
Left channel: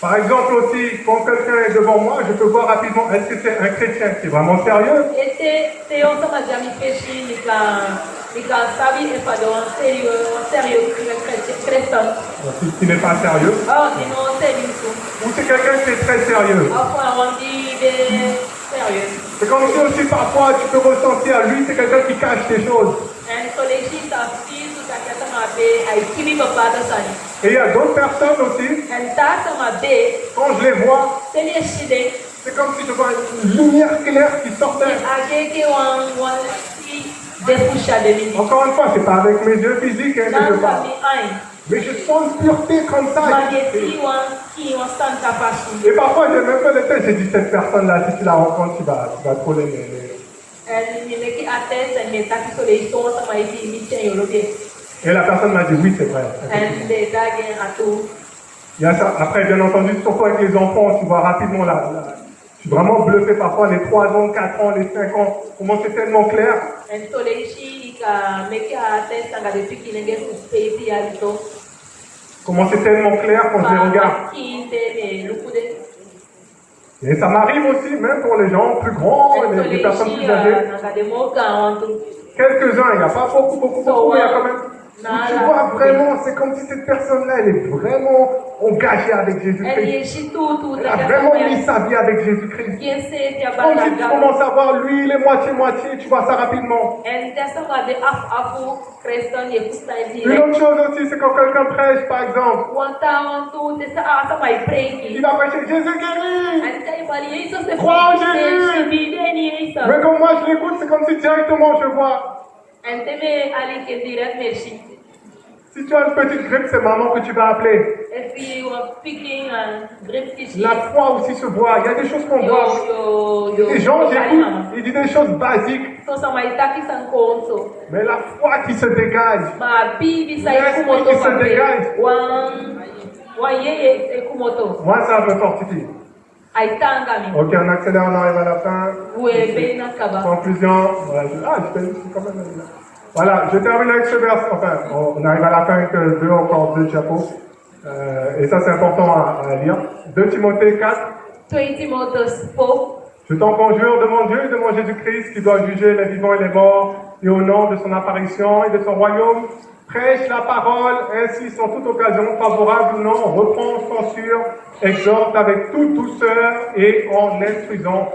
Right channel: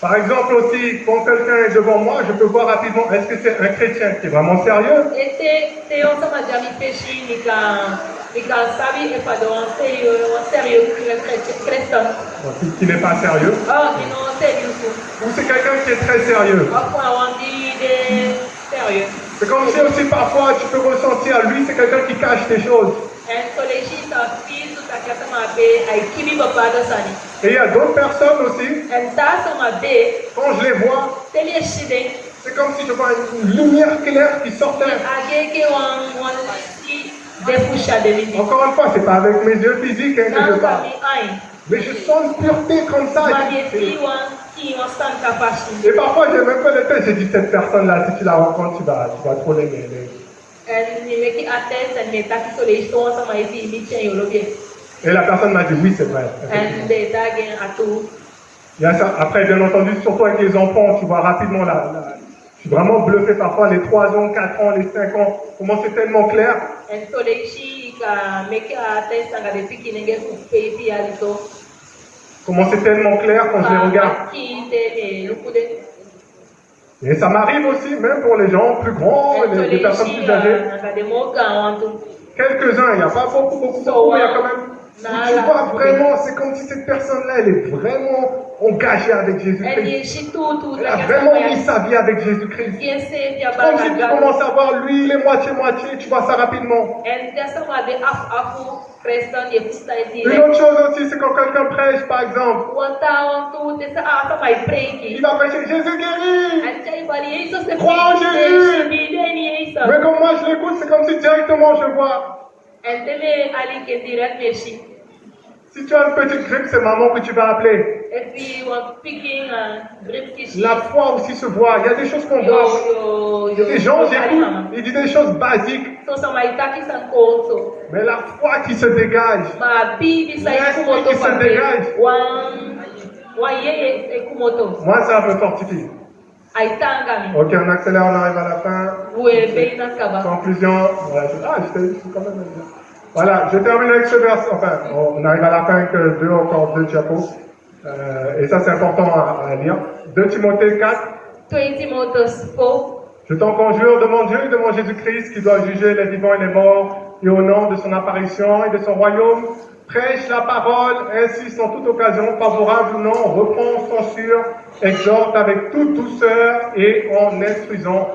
Par exemple aussi, quand quelqu'un est devant moi, je peux voir rapidement, est-ce que c'est un chrétien qui est vraiment sérieux? Qui n'est pas sérieux? Ou c'est quelqu'un qui est très sérieux? C'est comme si aussi parfois tu peux ressentir, lui c'est quelqu'un qui cache des choses. Et il y a d'autres personnes aussi, quand je les vois, c'est comme si je vois une lumière claire qui sortait. Encore une fois, c'est pas avec mes yeux physiques hein, que je parle. Mais je sens une pureté comme ça. Et parfois, j'ai même pas le tête, j'ai dit cette personne-là, si tu la rencontres, tu vas trop l'aimer. Et la personne m'a dit oui, c'est vrai. Il y a ça. Après, bien entendu, surtout avec les enfants, tu vois rapidement je suis vraiment bluffé parfois, les 3 ans, 4 ans, les 5 ans, comment c'est tellement clair. Comment c'est tellement clair quand je les regarde. Et ça m'arrive aussi, même pour les gens plus grands, les personnes plus âgées. Quelques-uns, il n'y a pas beaucoup, mais il y a quand même. Tu vois vraiment, c'est comme si cette personne-là, elle est vraiment engagée avec Jésus-Christ. Elle a vraiment mis sa vie avec Jésus-Christ. Comme si tu commences à voir, lui, il est moitié-moitié, tu vois ça rapidement. Une autre chose aussi, c'est quand quelqu'un prêche, par exemple. Il va prêcher Jésus guérit. Crois en Jésus. Mais comme moi je l'écoute, c'est comme si directement je vois. Si tu as une petite grippe, c'est maman que tu vas appeler. La foi aussi se voit. Il y a des choses qu'on voit. Des gens, j'écoute, ils disent des choses basiques. Mais la foi qui se dégage. L'esprit qui se dégage. Moi, ça me fortifie. Ok, on accélère, on arrive à la fin. Conclusion. Voilà, je suis quand même là. Voilà, je termine avec ce verset. Enfin, on arrive à la fin que encore deux diapos. Et ça, c'est important à lire. 2 Timothée 4. Je t'en conjure devant Dieu et devant Jésus-Christ qui doit juger les vivants et les morts, et au nom de son apparition et de son royaume, prêche la parole, insiste en toute occasion, favorable ou non, reprend, censure, exhorte avec toute douceur et en instruisant.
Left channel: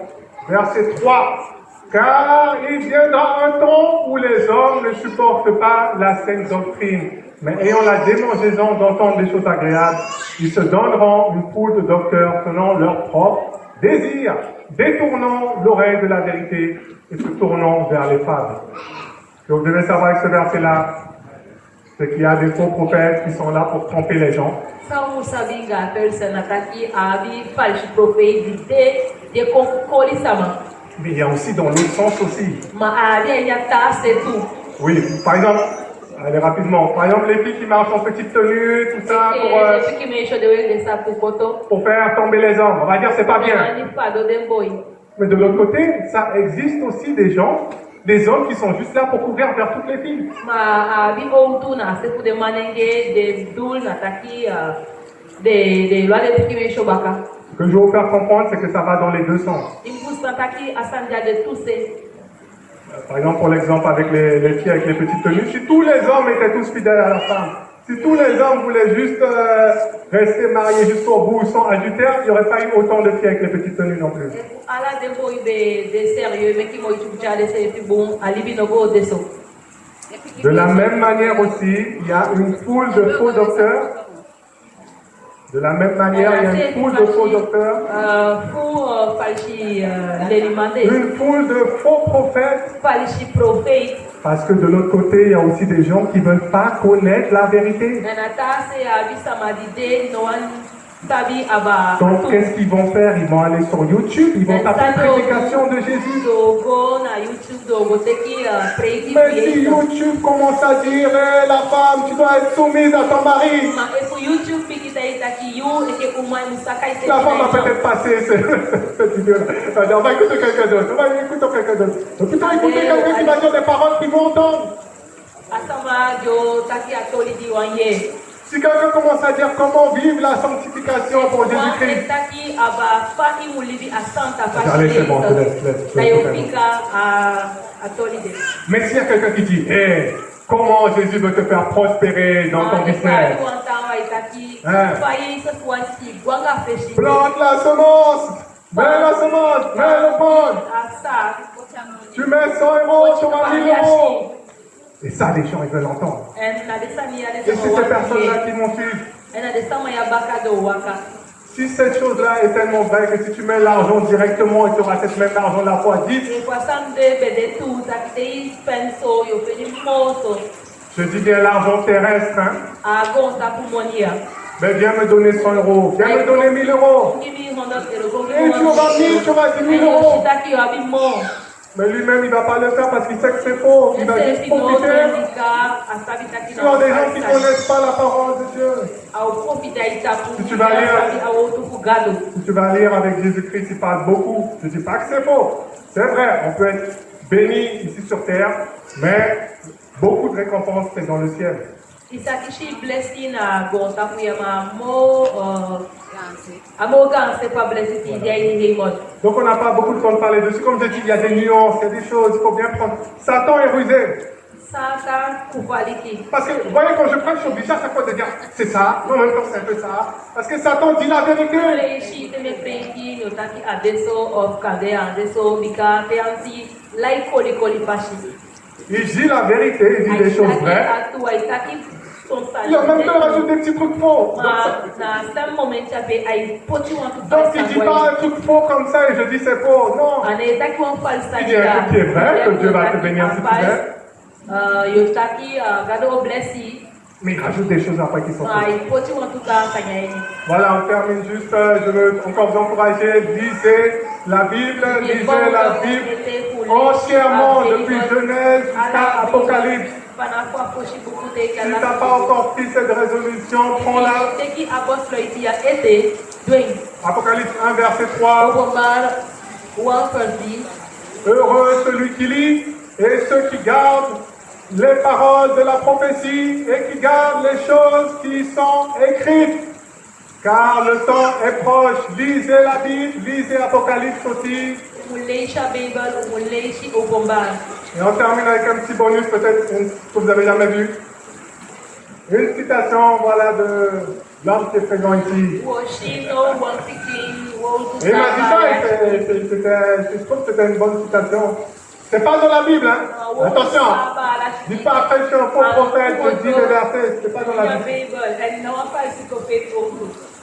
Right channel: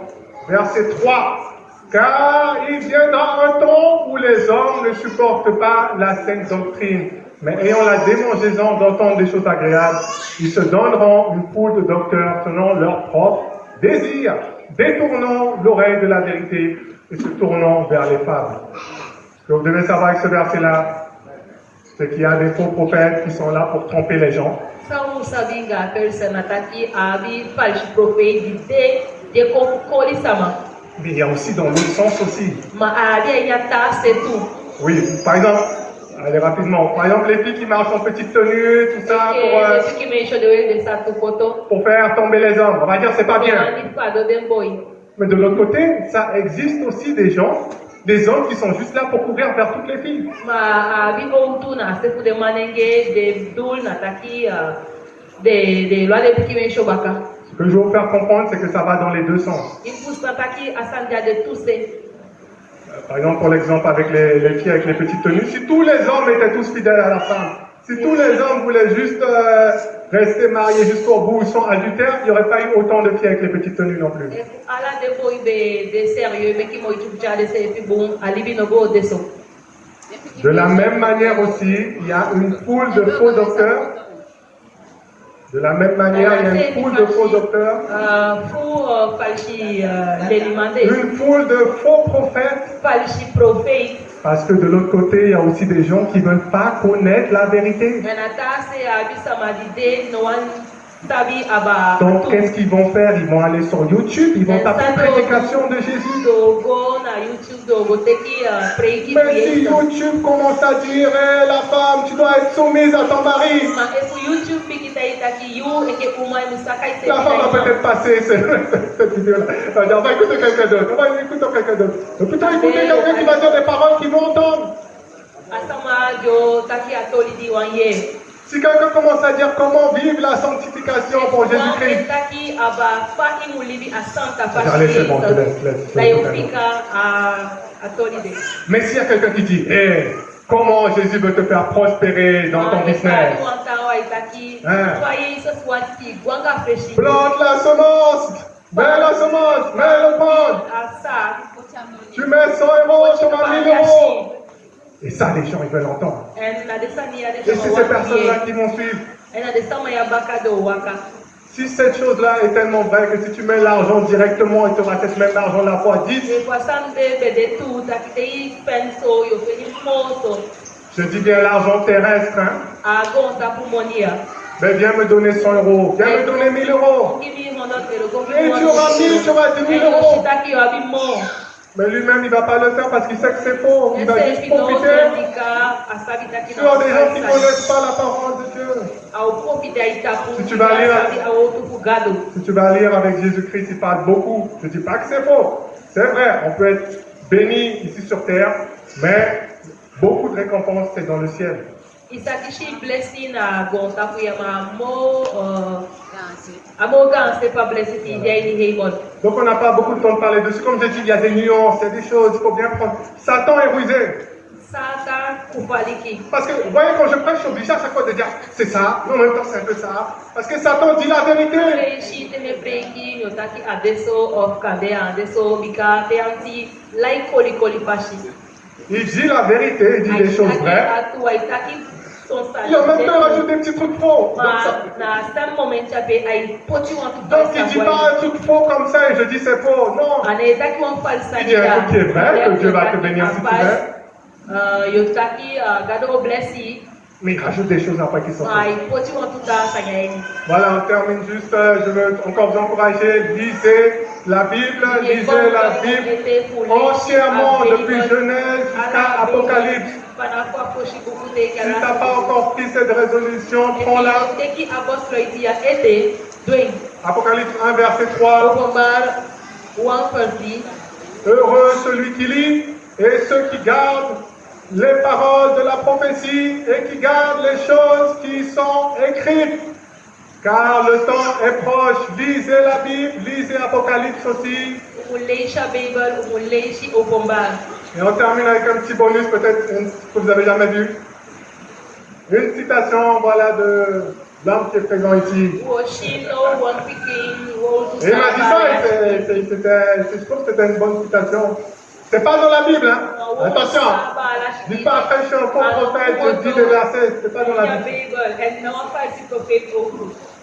Verset 3. Car il viendra un temps où les hommes ne supportent pas la saine doctrine, mais ayant la démangeaison d'entendre des choses agréables, ils se donneront une foule de docteurs selon leur propre désir, détournant l'oreille de la vérité et se tournant vers les fables. Ce que vous devez savoir avec ce verset-là, c'est qu'il y a des faux prophètes qui sont là pour tromper les gens. Mais il y a aussi dans l'autre sens aussi. Oui, par exemple, allez rapidement. Par exemple, les filles qui marchent en petite tenue, tout ça, pour faire tomber les hommes. On va dire c'est pas bien. Mais de l'autre côté, ça existe aussi des gens, des hommes qui sont juste là pour courir vers toutes les filles. que je veux vous faire comprendre, c'est que ça va dans les deux sens. Par exemple, pour l'exemple avec les filles avec les petites tenues, si tous les hommes étaient tous fidèles à la femme, si tous les hommes voulaient juste rester mariés jusqu'au bout sans adultère, il n'y aurait pas eu autant de filles avec les petites tenues non plus. De la même manière aussi, il y a une foule de faux docteurs. De la même manière, il y a une foule de faux docteurs. Une foule de faux prophètes. Parce que de l'autre côté, il y a aussi des gens qui ne veulent pas connaître la vérité. Donc, qu'est-ce qu'ils vont faire? Ils vont aller sur YouTube, ils vont taper prédication de Jésus. Mais si YouTube commence à dire, hey, la femme, tu dois être soumise à ton mari. La femme va peut-être passer cette vidéo-là. On va écouter quelqu'un d'autre. On va écouter quelqu'un d'autre. On va plutôt écouter quelqu'un qui va dire des paroles qu'ils vont entendre. Si quelqu'un commence à dire comment vivre la sanctification pour Jésus-Christ. Allez, c'est bon, mais s'il y a quelqu'un qui dit, hey, comment Jésus veut te faire prospérer dans ton business? Plante la semence, mets la semence, mets le pain. Tu mets 100 euros sur 1000 euros. Et ça, les gens, ils veulent entendre. Et c'est ces personnes-là qui vont suivre. Si cette chose-là est tellement vraie que si tu mets l'argent directement et tu auras cette même argent-là fois 10, je dis bien l'argent terrestre, hein? Mais viens me donner 100 euros, viens me donner 1000 euros. Et tu auras 1000, tu auras 10 000 euros. Mais lui-même, il ne va pas le faire parce qu'il sait que c'est faux. Il va juste profiter. Sur des gens qui ne connaissent pas la parole de Dieu. Si tu vas lire avec Jésus-Christ, il parle beaucoup. Je ne dis pas que c'est faux. C'est vrai, on peut être béni ici sur terre, mais beaucoup de récompenses, c'est dans le ciel. Donc on n'a pas beaucoup de temps de parler dessus. Comme j'ai dit, il y a des nuances, il y a des choses, il faut bien prendre. Satan est rusé. Parce que, vous voyez, quand je prêche, je suis obligé à chaque fois de dire c'est ça, mais en même temps c'est un peu ça. Parce que Satan dit la vérité. Il dit la vérité, il dit des choses vraies. Il a même pas rajouté des petits trucs faux. Donc il ne dit pas un truc faux comme ça et je dis c'est faux. Non. Il dit un truc qui est vrai, que Dieu va te bénir si tu veux. Mais il rajoute des choses après qui sont fausses. Voilà, on termine juste. Je veux encore vous encourager. Lisez la Bible, lisez la Bible entièrement depuis Genèse jusqu'à Apocalypse. Si tu n'as pas encore pris cette résolution, prends-la. Apocalypse 1, verset 3. Heureux celui qui lit et ceux qui gardent les paroles de la prophétie et qui gardent les choses qui sont écrites. Car le temps est proche. Lisez la Bible, lisez Apocalypse aussi. Et on termine avec un petit bonus, peut-être que vous n'avez jamais vu. Une citation, voilà, de l'homme qui est présent ici. Et il m'a dit ça, je trouve que c'était une bonne citation. C'est pas dans la Bible, hein? Attention! Dis pas après, je suis un faux prophète, je dis des versets, c'est pas dans la Bible.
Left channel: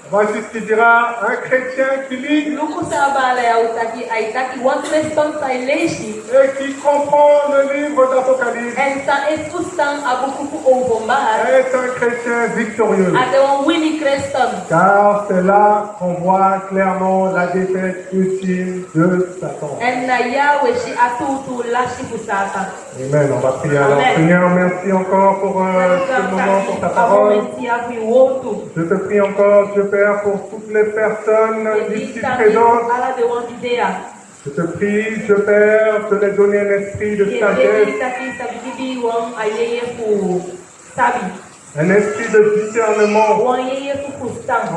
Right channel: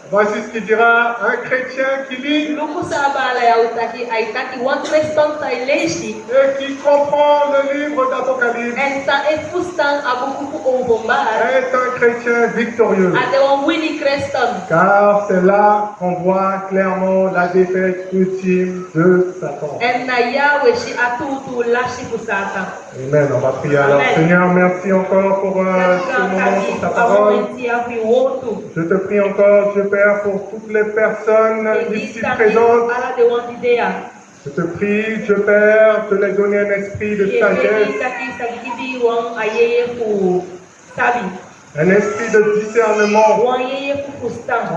Voici ce qu'il dira, un chrétien qui lit et qui comprend le livre d'Apocalypse est un chrétien victorieux. Car c'est là qu'on voit clairement la défaite ultime de Satan. Amen, on va prier alors. Seigneur, merci encore pour ce moment, pour ta parole. Je te prie encore, Père, pour toutes les personnes ici présentes. Je te prie, Père, de les donner un esprit de sagesse, un esprit de discernement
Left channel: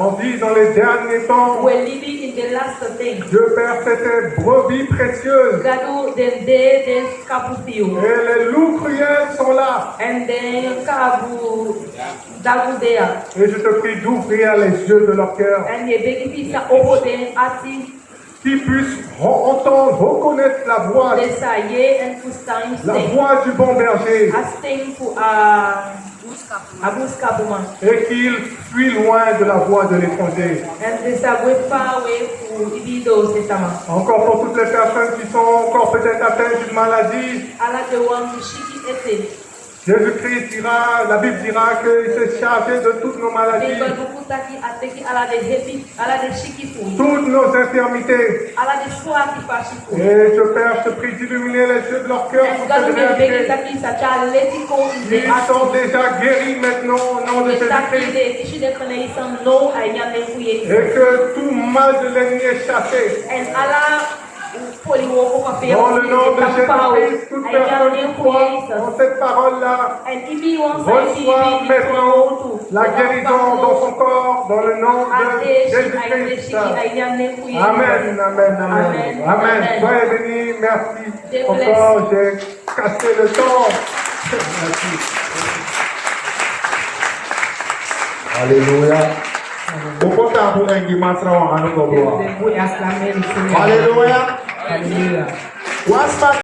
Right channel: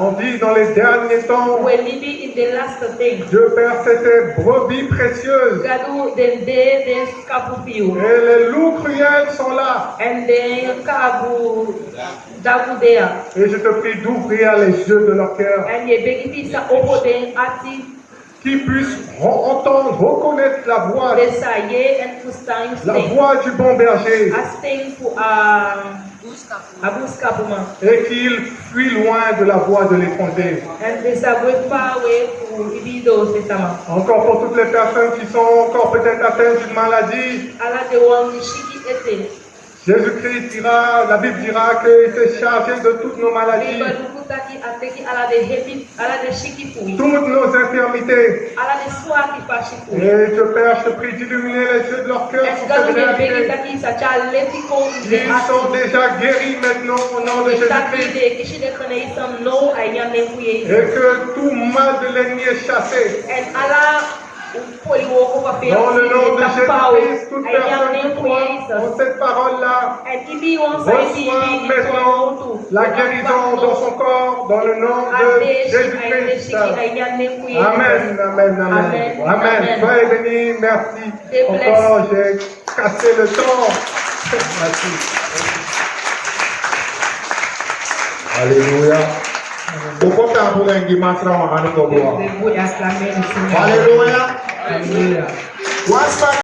On dit dans les derniers temps, we're living in the last thing. Dieu Père, c'est tes brebis précieuses. Gadu den de den kabu piu. Et les loups cruels sont là. And then kabu dagu dea. Et je te prie d'ouvrir les yeux de leur cœur, And ye begi pisa obo den ati qu'ils puissent entendre, reconnaître la voix desa ye and fustang la sting. voix du bon berger A sting fu abus kabuma. et qu'ils fuient loin de la voix de l'étranger. And desa we far away fu ibido sesama. Encore pour toutes les personnes qui sont encore peut-être atteintes d'une maladie, Ala de wan shiki ete. Jésus-Christ dira, la Bible dira qu'il s'est chargé de toutes nos maladies, Eba dukutaki ateki ala de hepi ala de shiki fu. toutes nos infirmités. Ala de soa ki fa shifu. Et Dieu Père, je te prie d'illuminer les yeux de leur cœur And pour gadu cette ye begi réalité. taki sa cha leti ko ide Ils sont ati. déjà guéris maintenant au nom de Jésus-Christ. de kishi de kone isan no ayane fuye. Et que tout mal de l'ennemi est chassé. And ala poli woko pa pe Dans le nom de Jésus-Christ, toute personne ayane qui croit fuye. dans cette parole-là And ibi won sa reçoit maintenant la guérison dans son corps, dans le nom de Jésus-Christ. Amen, amen, amen. Amen. Soyez bénis, merci. Encore, j'ai cassé le temps. Merci. Alléluia. Pourquoi tu as pour un guimard à nous? Alléluia. Hallelujah. What's